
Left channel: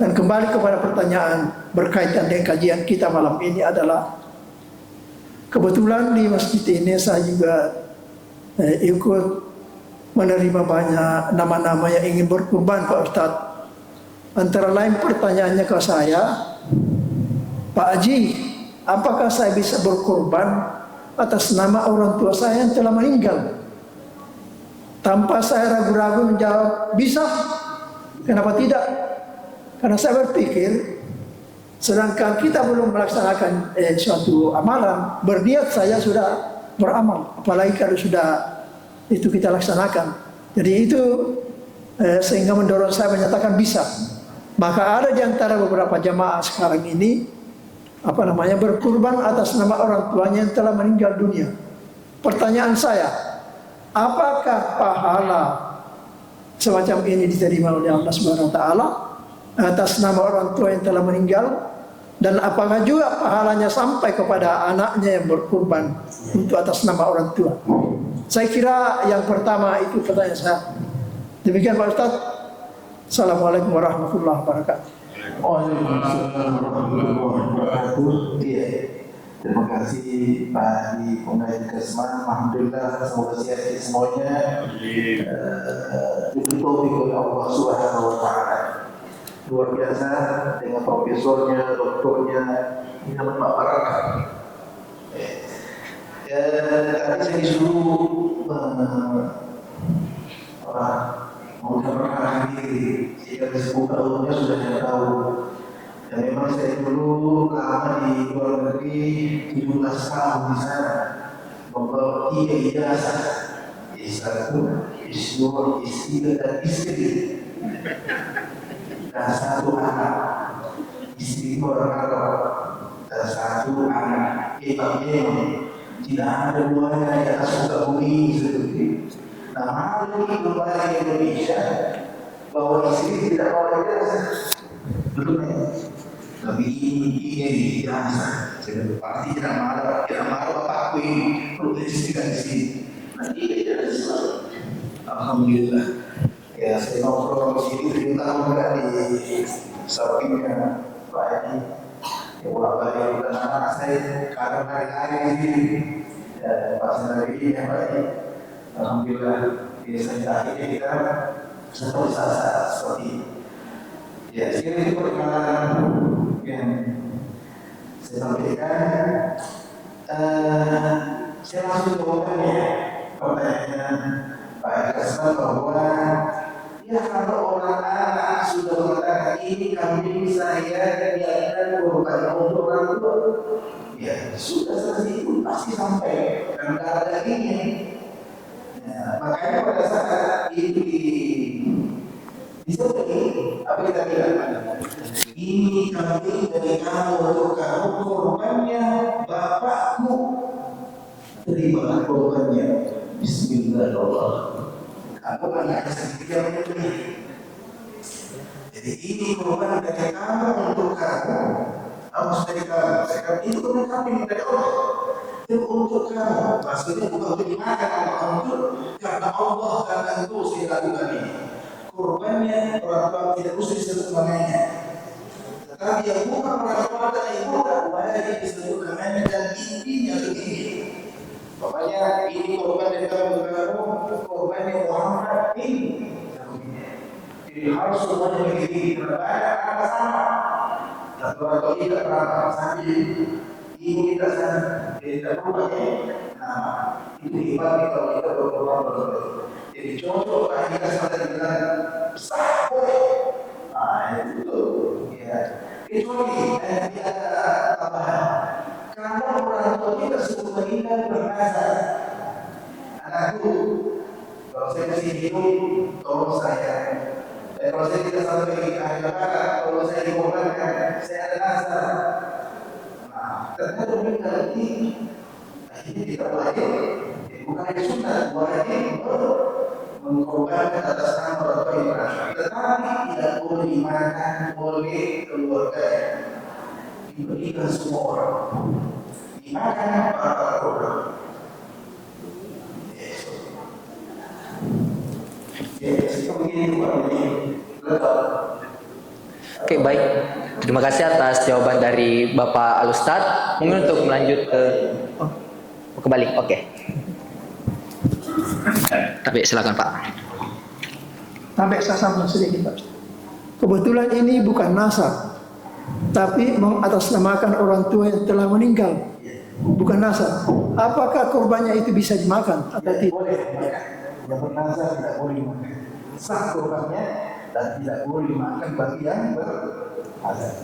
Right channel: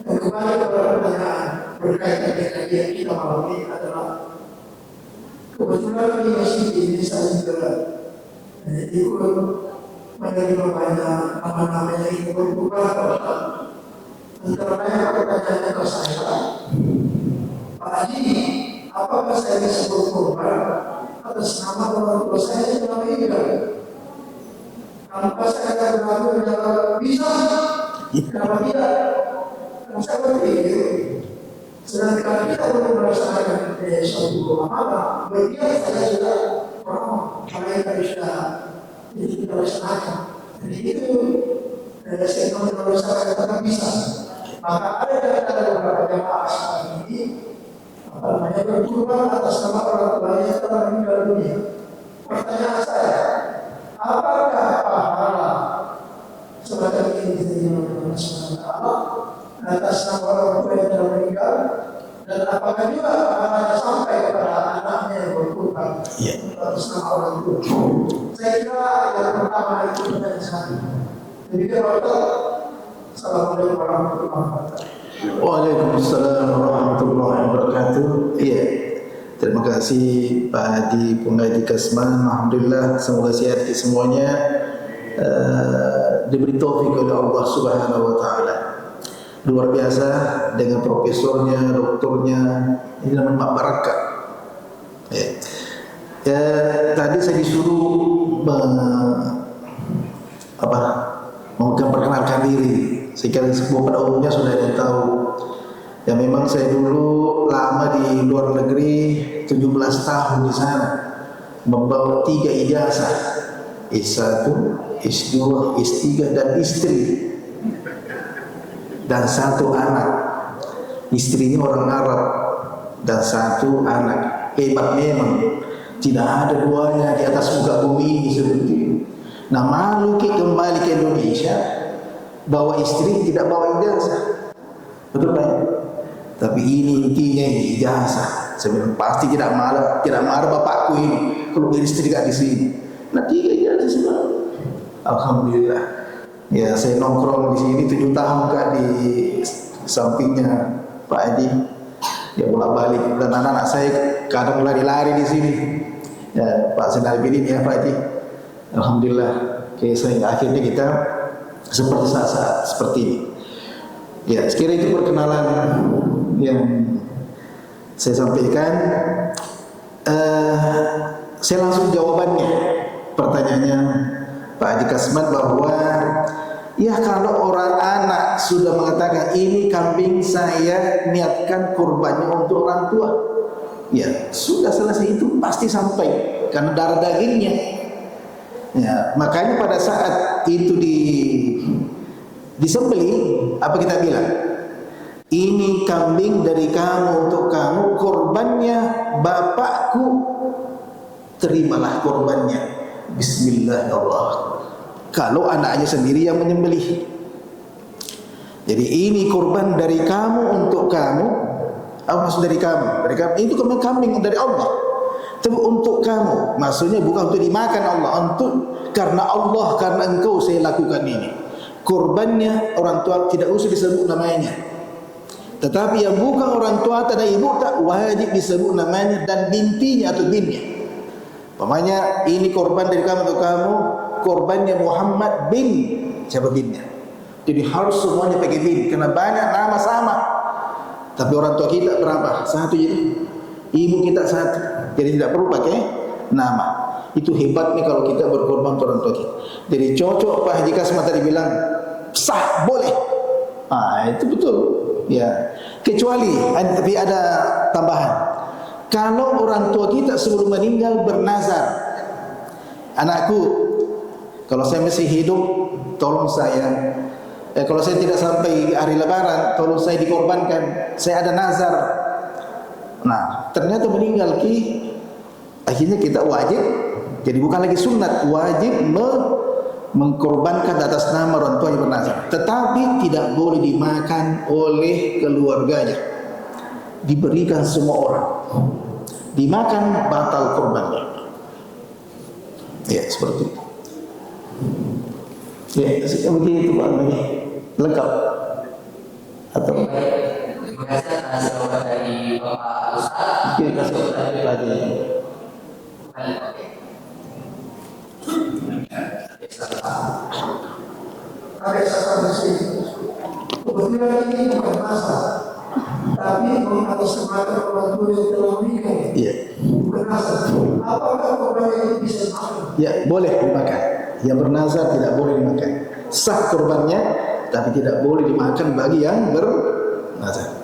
Dan kembali kepada pertanyaan berkaitan dengan kajian kita malam ini adalah kebetulan di masjid ini saya juga ikut menerima banyak nama-nama yang ingin berkurban Pak Ustadz. Antara lain pertanyaannya ke saya, Pak Haji, apakah saya bisa berkurban atas nama orang tua saya yang telah meninggal? Tanpa saya ragu-ragu menjawab, bisa. Kenapa tidak? Karena saya berpikir, sedangkan kita belum melaksanakan suatu amalan, berniat saya sudah beramal, apalagi kalau sudah itu kita laksanakan. Jadi itu sehingga mendorong saya menyatakan bisa. Maka ada di antara beberapa jamaah sekarang ini berkurban atas nama orang tuanya yang telah meninggal dunia. Pertanyaan saya, apakah pahala semacam ini diterima oleh Allah Subhanahu wa taala atas nama orang tua yang telah meninggal, dan apakah juga pahalanya sampai kepada anaknya yang berkurban untuk atas nama orang tua? Saya kira yang pertama itu pertanyaan saya. Demikian Pak Ustaz. Assalamualaikum warahmatullahi wabarakatuh. Waalaikumsalam warahmatullahi wabarakatuh. Iya. Terima kasih Pak Haji Penggaji Kasman. Alhamdulillah, semoga sehat semuanya. Diberi taufik oleh Allah Subhanahu wa taala. Luar biasa dengan profesornya, doktornya. Ini namanya Pak Barakah. Ya, tadi saya disuruh memperkenalkan diri. Sekarang semua pada umumnya sudah ada tahu. Ya memang saya dulu lama di luar negeri, 17 tahun di sana, membawa 3 ijazah, S1, S2, S3 dan istri, dan 1 anak. Istrinya orang Arab dan 1 anak. Hebat memang, tidak ada duanya di atas muka bumi seperti itu. Nah, malu kembali ke Indonesia, bawa istri tidak bawa ijazah, betul kan? Tapi ini intinya ijazah. Saya pasti tidak marah bapakku ini kalau istri tidak di sini. Nah, 3 ijazah semua. Alhamdulillah. Ya, saya nongkrong di sini 7 tahun kan di sampingnya Pak Haji. Ya bolak-balik, dan anak-anak saya kadang lari-lari di sini. Ya, Pak Senal Bidin ya Pak Haji. Alhamdulillah. Oke, akhirnya kita seperti saat-saat seperti ini. Ya, sekiranya itu perkenalan yang saya sampaikan. Saya langsung jawabannya. Pertanyaannya Pak Haji Kasman bahwa ya kalau orang anak sudah mengatakan ini kambing saya niatkan kurbannya untuk orang tua, ya sudah selesai, itu pasti sampai karena darah dagingnya. Ya, makanya pada saat itu disembelih, apa kita bilang? Ini kambing dari kamu untuk kamu, korbannya bapakku, terimalah korbannya. Bismillahirrahmanirrahim. Kalau anaknya sendiri yang menyembelih. Jadi ini korban dari kamu untuk kamu. Apa maksud dari kamu? Dari kamu itu korban kambing dari Allah. Tapi untuk kamu, maksudnya bukan untuk dimakan Allah, untuk karena Allah, karena engkau saya lakukan ini. Korbannya orang tua tidak usah disebut namanya. Tetapi yang bukan orang tua atau ibu tak wajib disebut namanya dan bintinya atau binnya. Namanya ini korban dari kamu untuk kamu, korbannya Muhammad bin, siapa binnya? Jadi harus semuanya pakai bin, karena banyak nama sama. Tapi orang tua kita berapa? 1 jadi. Ibu kita 1, jadi tidak perlu pakai nama. Itu hebatnya kalau kita berkorban untuk orang tua kita. Jadi cocok Pak Haji Kasman tadi bilang sah, boleh. Itu betul. Ya, kecuali tapi ada tambahan. Kalau orang tua kita sebelum meninggal bernazar, anakku, kalau saya masih hidup, tolong saya. Kalau saya tidak sampai hari Lebaran, tolong saya dikorbankan. Saya ada nazar. Nah, ternyata meninggal akhirnya kita wajib. Jadi bukan lagi sunat, wajib mengkorbankan atas nama orang tua yang bernazar. Tetapi tidak boleh dimakan oleh keluarganya. Diberikan semua orang. Dimakan batal korbannya. Ya, seperti itu. Ya, begitu Pak. Lengkap. Oke, baik. Terima kasih atas jawaban dari Bapak Al-Ustaz. Mungkin untuk melanjut kembali. Oke. Tapi silakan Pak. Sampai saya sampai sini. Kebetulan ini bukan nasab, tapi mengatasnamakan orang tua yang telah meninggal. Iya. Bukan nasab. Apakah korbannya itu bisa dimakan? Ya, boleh dimakan. Yang bernazar tidak boleh dimakan. Sah korbannya, tapi tidak boleh dimakan bagi yang bernazar.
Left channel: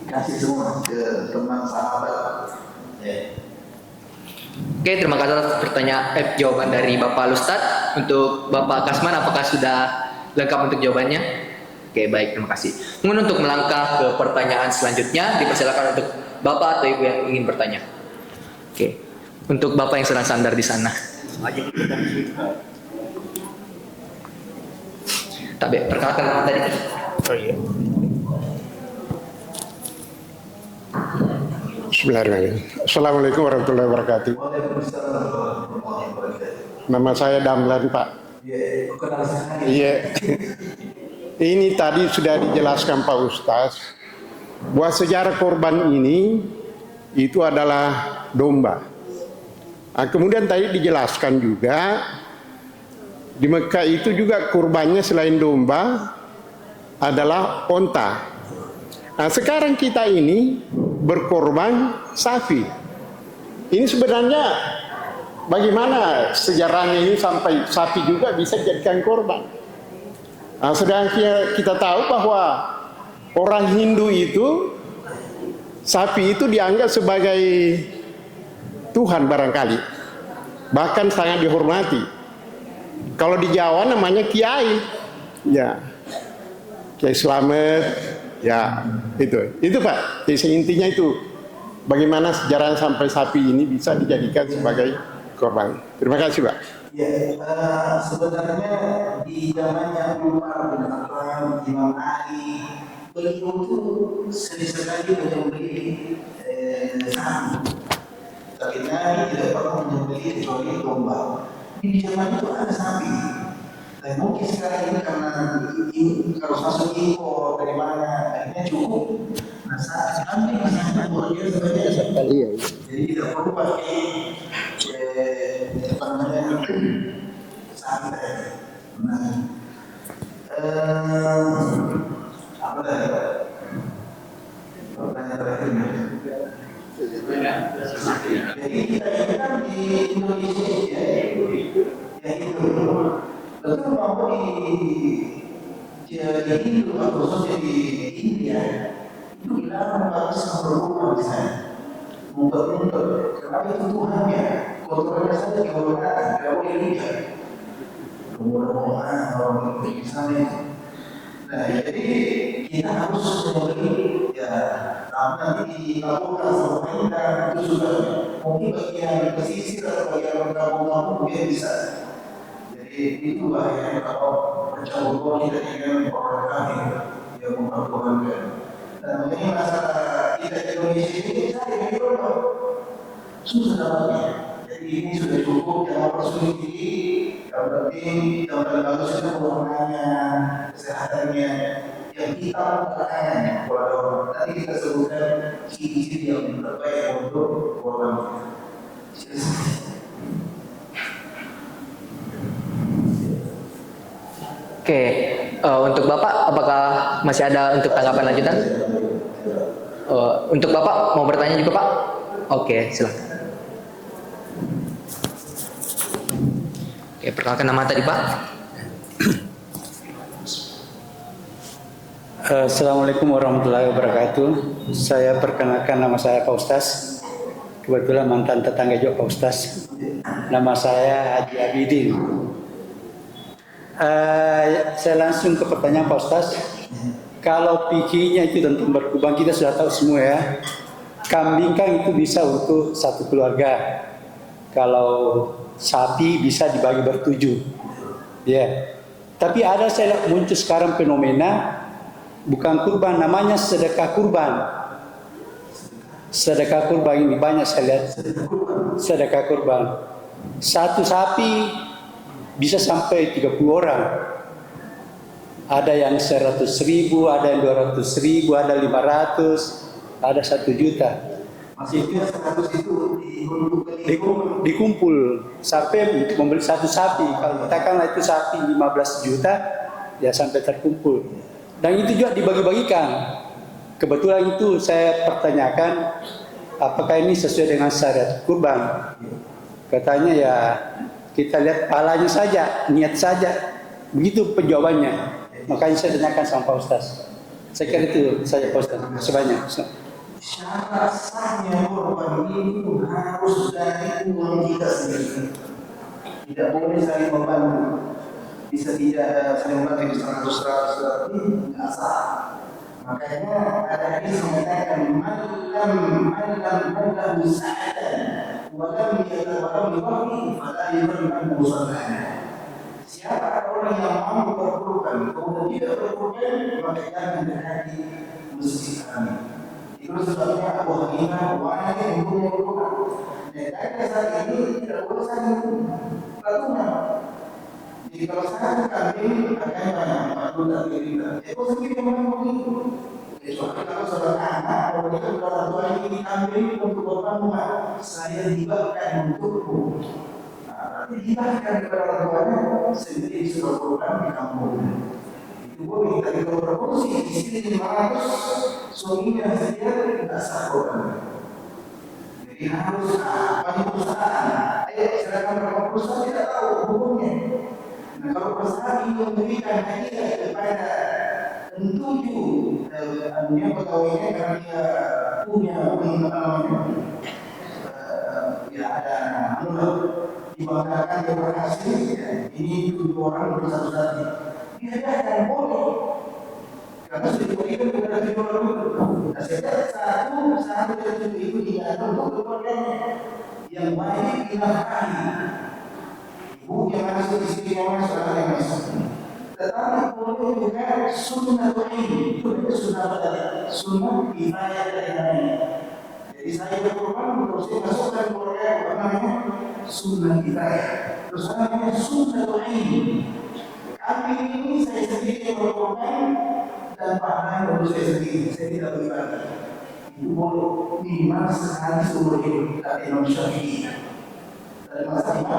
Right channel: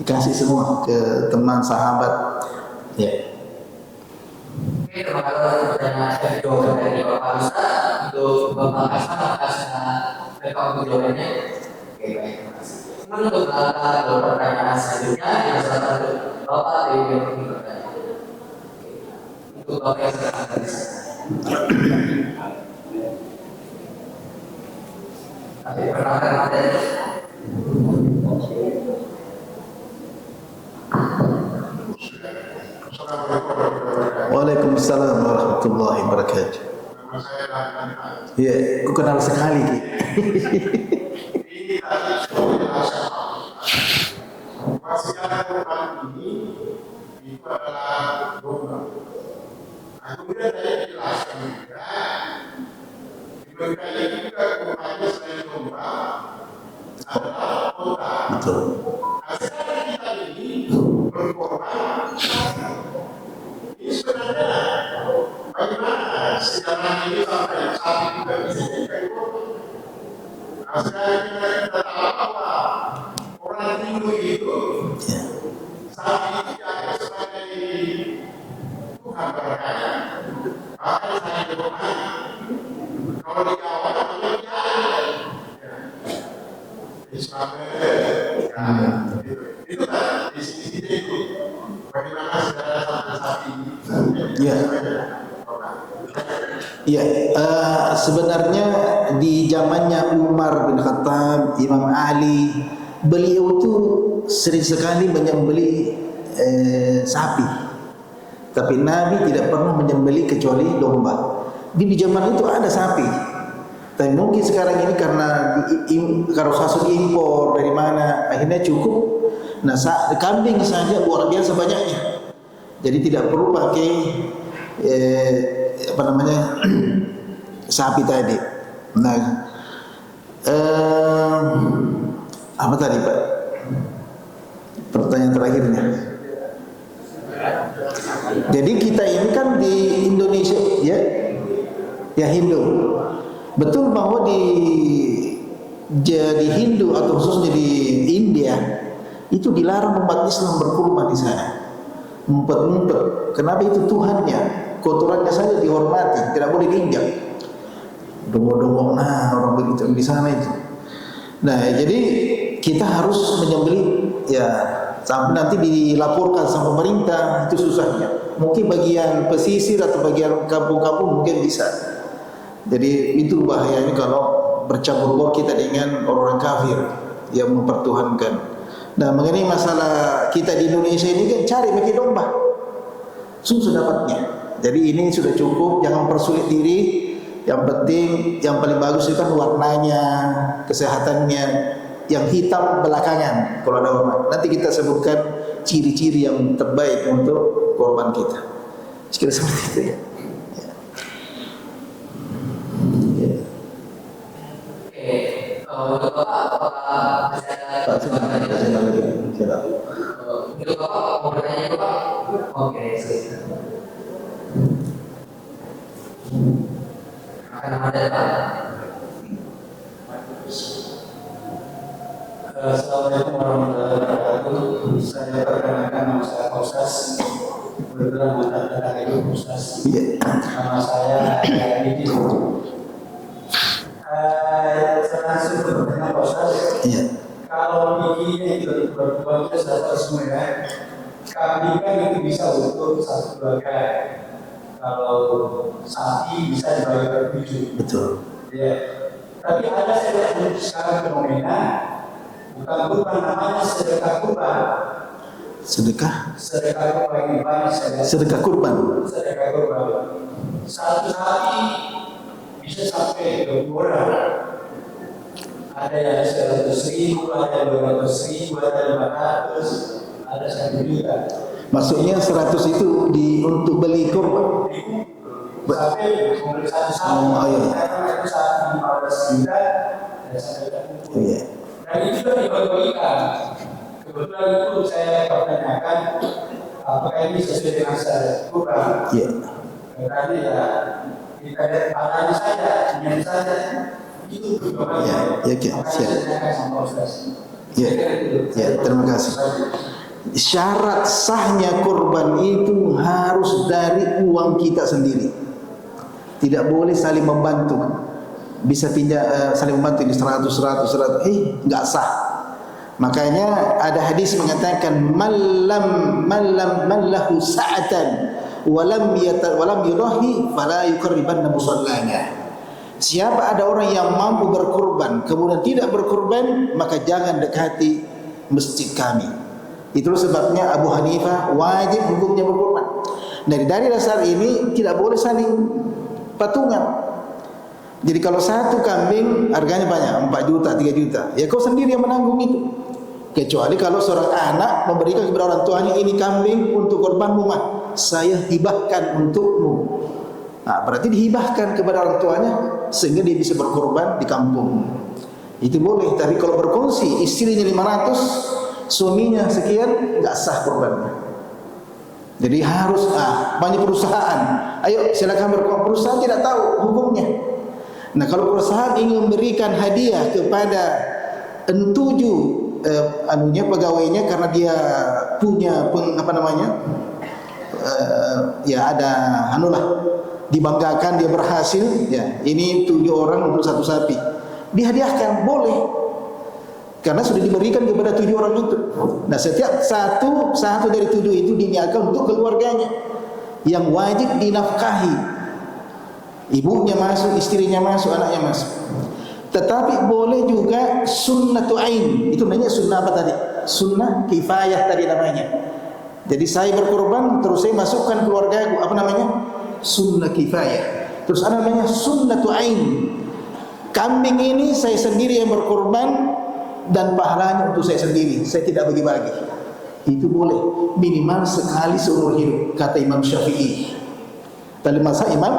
Dikasih semua ke teman, sahabat. Ya. Oke, terima kasih atas pertanyaan jawaban dari Bapak Al-Ustaz. Untuk Bapak Kasman, apakah sudah lengkap untuk jawabannya? Oke, baik, terima kasih. Mungkin untuk melangkah ke pertanyaan selanjutnya, dipersilakan untuk Bapak atau Ibu yang ingin bertanya. Oke, untuk Bapak yang sedang sandar di sana. Tapi perkenalkan nama tadi. Oh iya. Bismillahirrahmanirrahim. Assalamualaikum warahmatullahi wabarakatuh. Waalaikumsalam warahmatullahi wabarakatuh. Nama saya Damlan, Pak. Iya, aku kenal sekali. Iya. ini tadi sudah dijelaskan Pak Ustadz bahwa sejarah korban ini itu adalah domba. Nah, kemudian tadi dijelaskan juga di Mekah itu juga kurbannya selain domba adalah onta. Nah, sekarang kita ini berkorban sapi. Ini sebenarnya bagaimana sejarahnya ini sampai sapi juga bisa dijadikan korban? Nah, sedang kita tahu bahwa orang Hindu itu sapi itu dianggap sebagai Tuhan barangkali, bahkan sangat dihormati. Kalau di Jawa namanya kiai, ya. Kiai Slamet, ya itu Pak. Jadi intinya itu bagaimana sejarah sampai sapi ini bisa dijadikan sebagai korban. Terima kasih Pak. Ya, sebenarnya di zamannya Umar bin Khattab, Imam Ali, beliau itu sering sekali menyembelih sapi. Tapi Nabi tidak pernah menyembelih kecuali domba. Di zaman itu ada sapi. Tapi mungkin sekarang ini karena kalau sasu diimpor dari mana, akhirnya cukup. Nah, kambing saja luar biasa banyaknya. Jadi tidak perlu pakai sapi tadi. Nah, apa tadi Pak? Pertanyaan terakhirnya. Jadi kita ini kan di Indonesia, ya Hindu. Betul bahwa jadi Hindu atau khususnya di India itu dilarang umat Islam berkurban di sana. Ngumpet-ngumpet. Kenapa? Itu Tuhannya. Kotorannya saja dihormati, tidak boleh diinjak. Dongong-dongong, orang begitu di sana itu. Nah, jadi kita harus menyembelih, ya sampai nanti dilaporkan sama pemerintah, itu susahnya. Mungkin bagian pesisir atau bagian kampung-kampung mungkin bisa. Jadi itu bahayanya kalau bercampur baur kita dengan orang kafir yang mempertuhankan. Nah, mengenai masalah kita di Indonesia ini kan cari bagi domba, susah dapatnya. Jadi ini sudah cukup, jangan persulit diri. Yang penting, yang paling bagus itu warnanya, kesehatannya. Yang hitam belakangan kalau ada orang. Nanti kita sebutkan ciri-ciri yang terbaik untuk korban kita. Sekiranya seperti itu ya. Oke, untuk Bapak apakah masih ada untuk tanggapan lanjutan? Untuk Bapak mau bertanya juga Pak? Oke, silakan. Oke, perkenalkan nama tadi Pak. Assalamualaikum warahmatullahi wabarakatuh. Saya perkenalkan, nama saya Pak Ustaz. Kebetulan mantan tetangga juga Pak Ustaz. Nama saya Adi Abidin. Saya langsung ke pertanyaan Pak Ustaz. Kalau pikirnya itu untuk berkurban, kita sudah tahu semua ya. Kambing kan itu bisa untuk satu keluarga. Kalau sapi bisa dibagi bertujuh. Betul. Ya. Tapi ada saya lihat muncul sekarang fenomena bukan kurban, namanya sedekah kurban. Sedekah kurban ini banyak saya lihat. Sedekah kurban. Satu sapi bisa sampai 30 orang. Ada yang 100.000, ada yang 200.000, ada 500, ada 1 juta. Maksudnya 100 itu untuk beli kurban, dikumpul sampai membeli satu sapi. Katakanlah itu sapi 15 juta, ya sampai terkumpul. Dan itu juga dibagi-bagikan. Kebetulan itu saya pertanyakan, apakah ini sesuai dengan syariat kurban? Katanya ya kita lihat palanya saja, niat saja. Begitu penjawabannya. Makanya saya tanyakan sama Pak Ustaz. Saya kira itu saja. Terima kasih banyak. Syarat sahnya kurban itu harus dari uang kita sendiri. Tidak boleh saling membantu. Bisa tidak saling membantu di 100, enggak sah. Makanya ada hadis mengatakan man lahu sa'atan walam yurahi fala yuqarribanna musallana. Siapa ada orang yang mampu berkurban kemudian tidak berkurban, maka jangan dekati masjid kami. Itulah sebabnya Abu Hanifah wajib hukumnya berkurban. Dari dasar ini tidak boleh saling patungan. Jadi kalau satu kambing harganya banyak, 4 juta, 3 juta. Ya kau sendiri yang menanggung itu. Kecuali kalau seorang anak memberikan kepada orang tuanya, ini kambing untuk korbanmu mah, saya hibahkan untukmu. Nah, berarti dihibahkan kepada orang tuanya sehingga dia bisa berkorban di kampung. Itu boleh. Tapi kalau berkongsi, istrinya 500, suaminya sekian, nggak sah korbannya. Jadi harus banyak perusahaan. Ayo silakan berkorban. Perusahaan tidak tahu hukumnya. Nah, kalau perusahaan ingin memberikan hadiah kepada 7 pegawainya karena dia punya ya ada dibanggakan dia berhasil, ya ini 7 orang untuk 1 sapi, dihadiahkan boleh karena sudah diberikan kepada 7 orang itu. Nah, setiap satu dari 7 itu diniatkan untuk keluarganya yang wajib dinafkahi, ibunya masuk, istrinya masuk, anaknya masuk. Tetapi boleh juga sunnatu ain. Itu namanya sunnah apa tadi? Sunnah kifayah tadi namanya. Jadi saya berkorban terus saya masukkan keluarga, apa namanya? Sunnah kifayah. Terus ada namanya sunnatu ain. Kambing ini saya sendiri yang berkorban dan pahalanya untuk saya sendiri. Saya tidak bagi-bagi. Itu boleh minimal sekali seumur hidup, kata Imam Syafi'i. Tadi masa Imam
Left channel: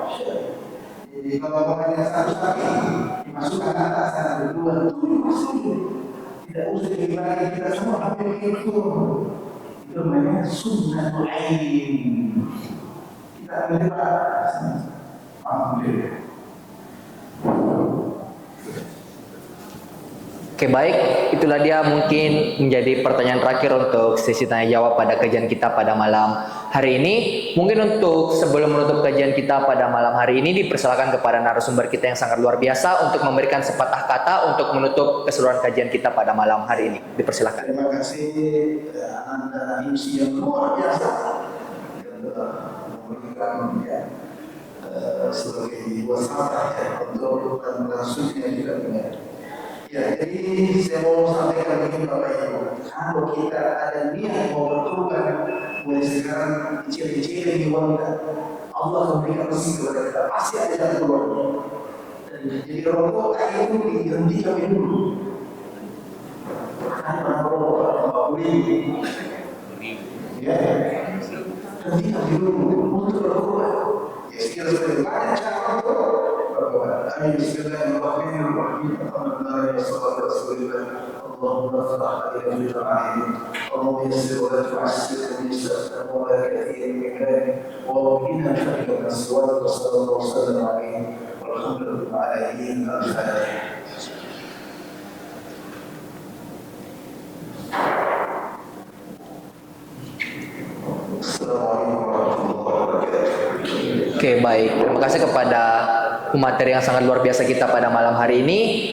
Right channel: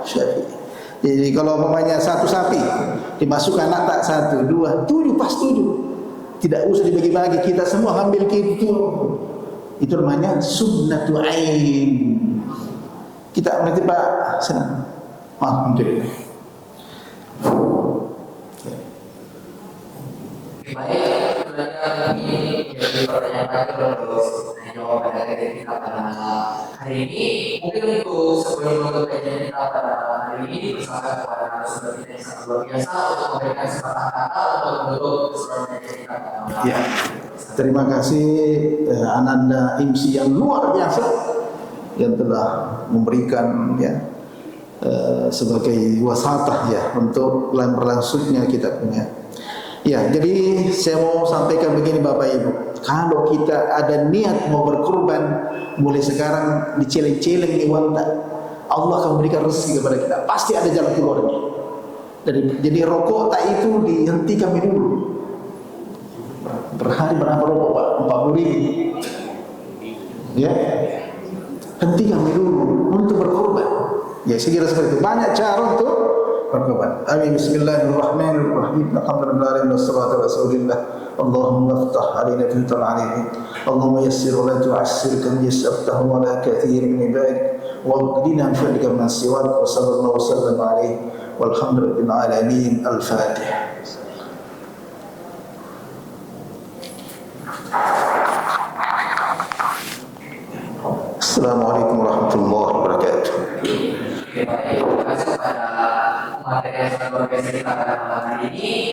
Syafi'i. Jadi kalau umpamanya 1 sapi dimasukkan anak 1, 2, 7 pas 7. Tidak usah dibagi-bagi, kita semua ambil gitu. Itu namanya sunnatu ain. Kita nanti Pak senang. Alhamdulillah. Oke, baik, itulah dia mungkin menjadi pertanyaan terakhir untuk sesi tanya jawab pada kajian kita pada malam hari ini. Mungkin untuk sebelum menutup kajian kita pada malam hari ini, dipersilakan kepada narasumber kita yang sangat luar biasa untuk memberikan sepatah kata untuk menutup keseluruhan kajian kita pada malam hari ini. Dipersilakan. Terima kasih Ananda IMSI yang luar biasa yang telah memberikan sebagai wasatah untuk berlangsungnya kita punya. Ya, jadi saya mau sampaikan begini Bapak Ibu. Kalau kita ada niat mau berkorban, mulai sekarang diceleng-celeng di wanta, Allah akan memberikan rezeki kepada kita. Pasti ada jalan keluar. Jadi rokok tak itu dihentikan dulu. Per hari berapa rokok Pak? 40.000. Ya, hentikan dulu untuk berkorban. Ya, sekira seperti itu. Banyak cara untuk berkorban. Amin. Bismillahirrahmanirrahim. Alhamdulillah wassalatu wassalamu. Allahumma iftah alaina fil alamin. Allahumma yassir wa la tu'assir kam yassartahu wa la kathir min ibadik. Wa qina fadlika man siwak wa sallallahu wasallam alaihi walhamdulillahi alamin. Al-Fatihah. Assalamualaikum warahmatullahi wabarakatuh. Oke, baik. Terima kasih kepada pemateri yang sangat luar biasa kita pada malam hari ini.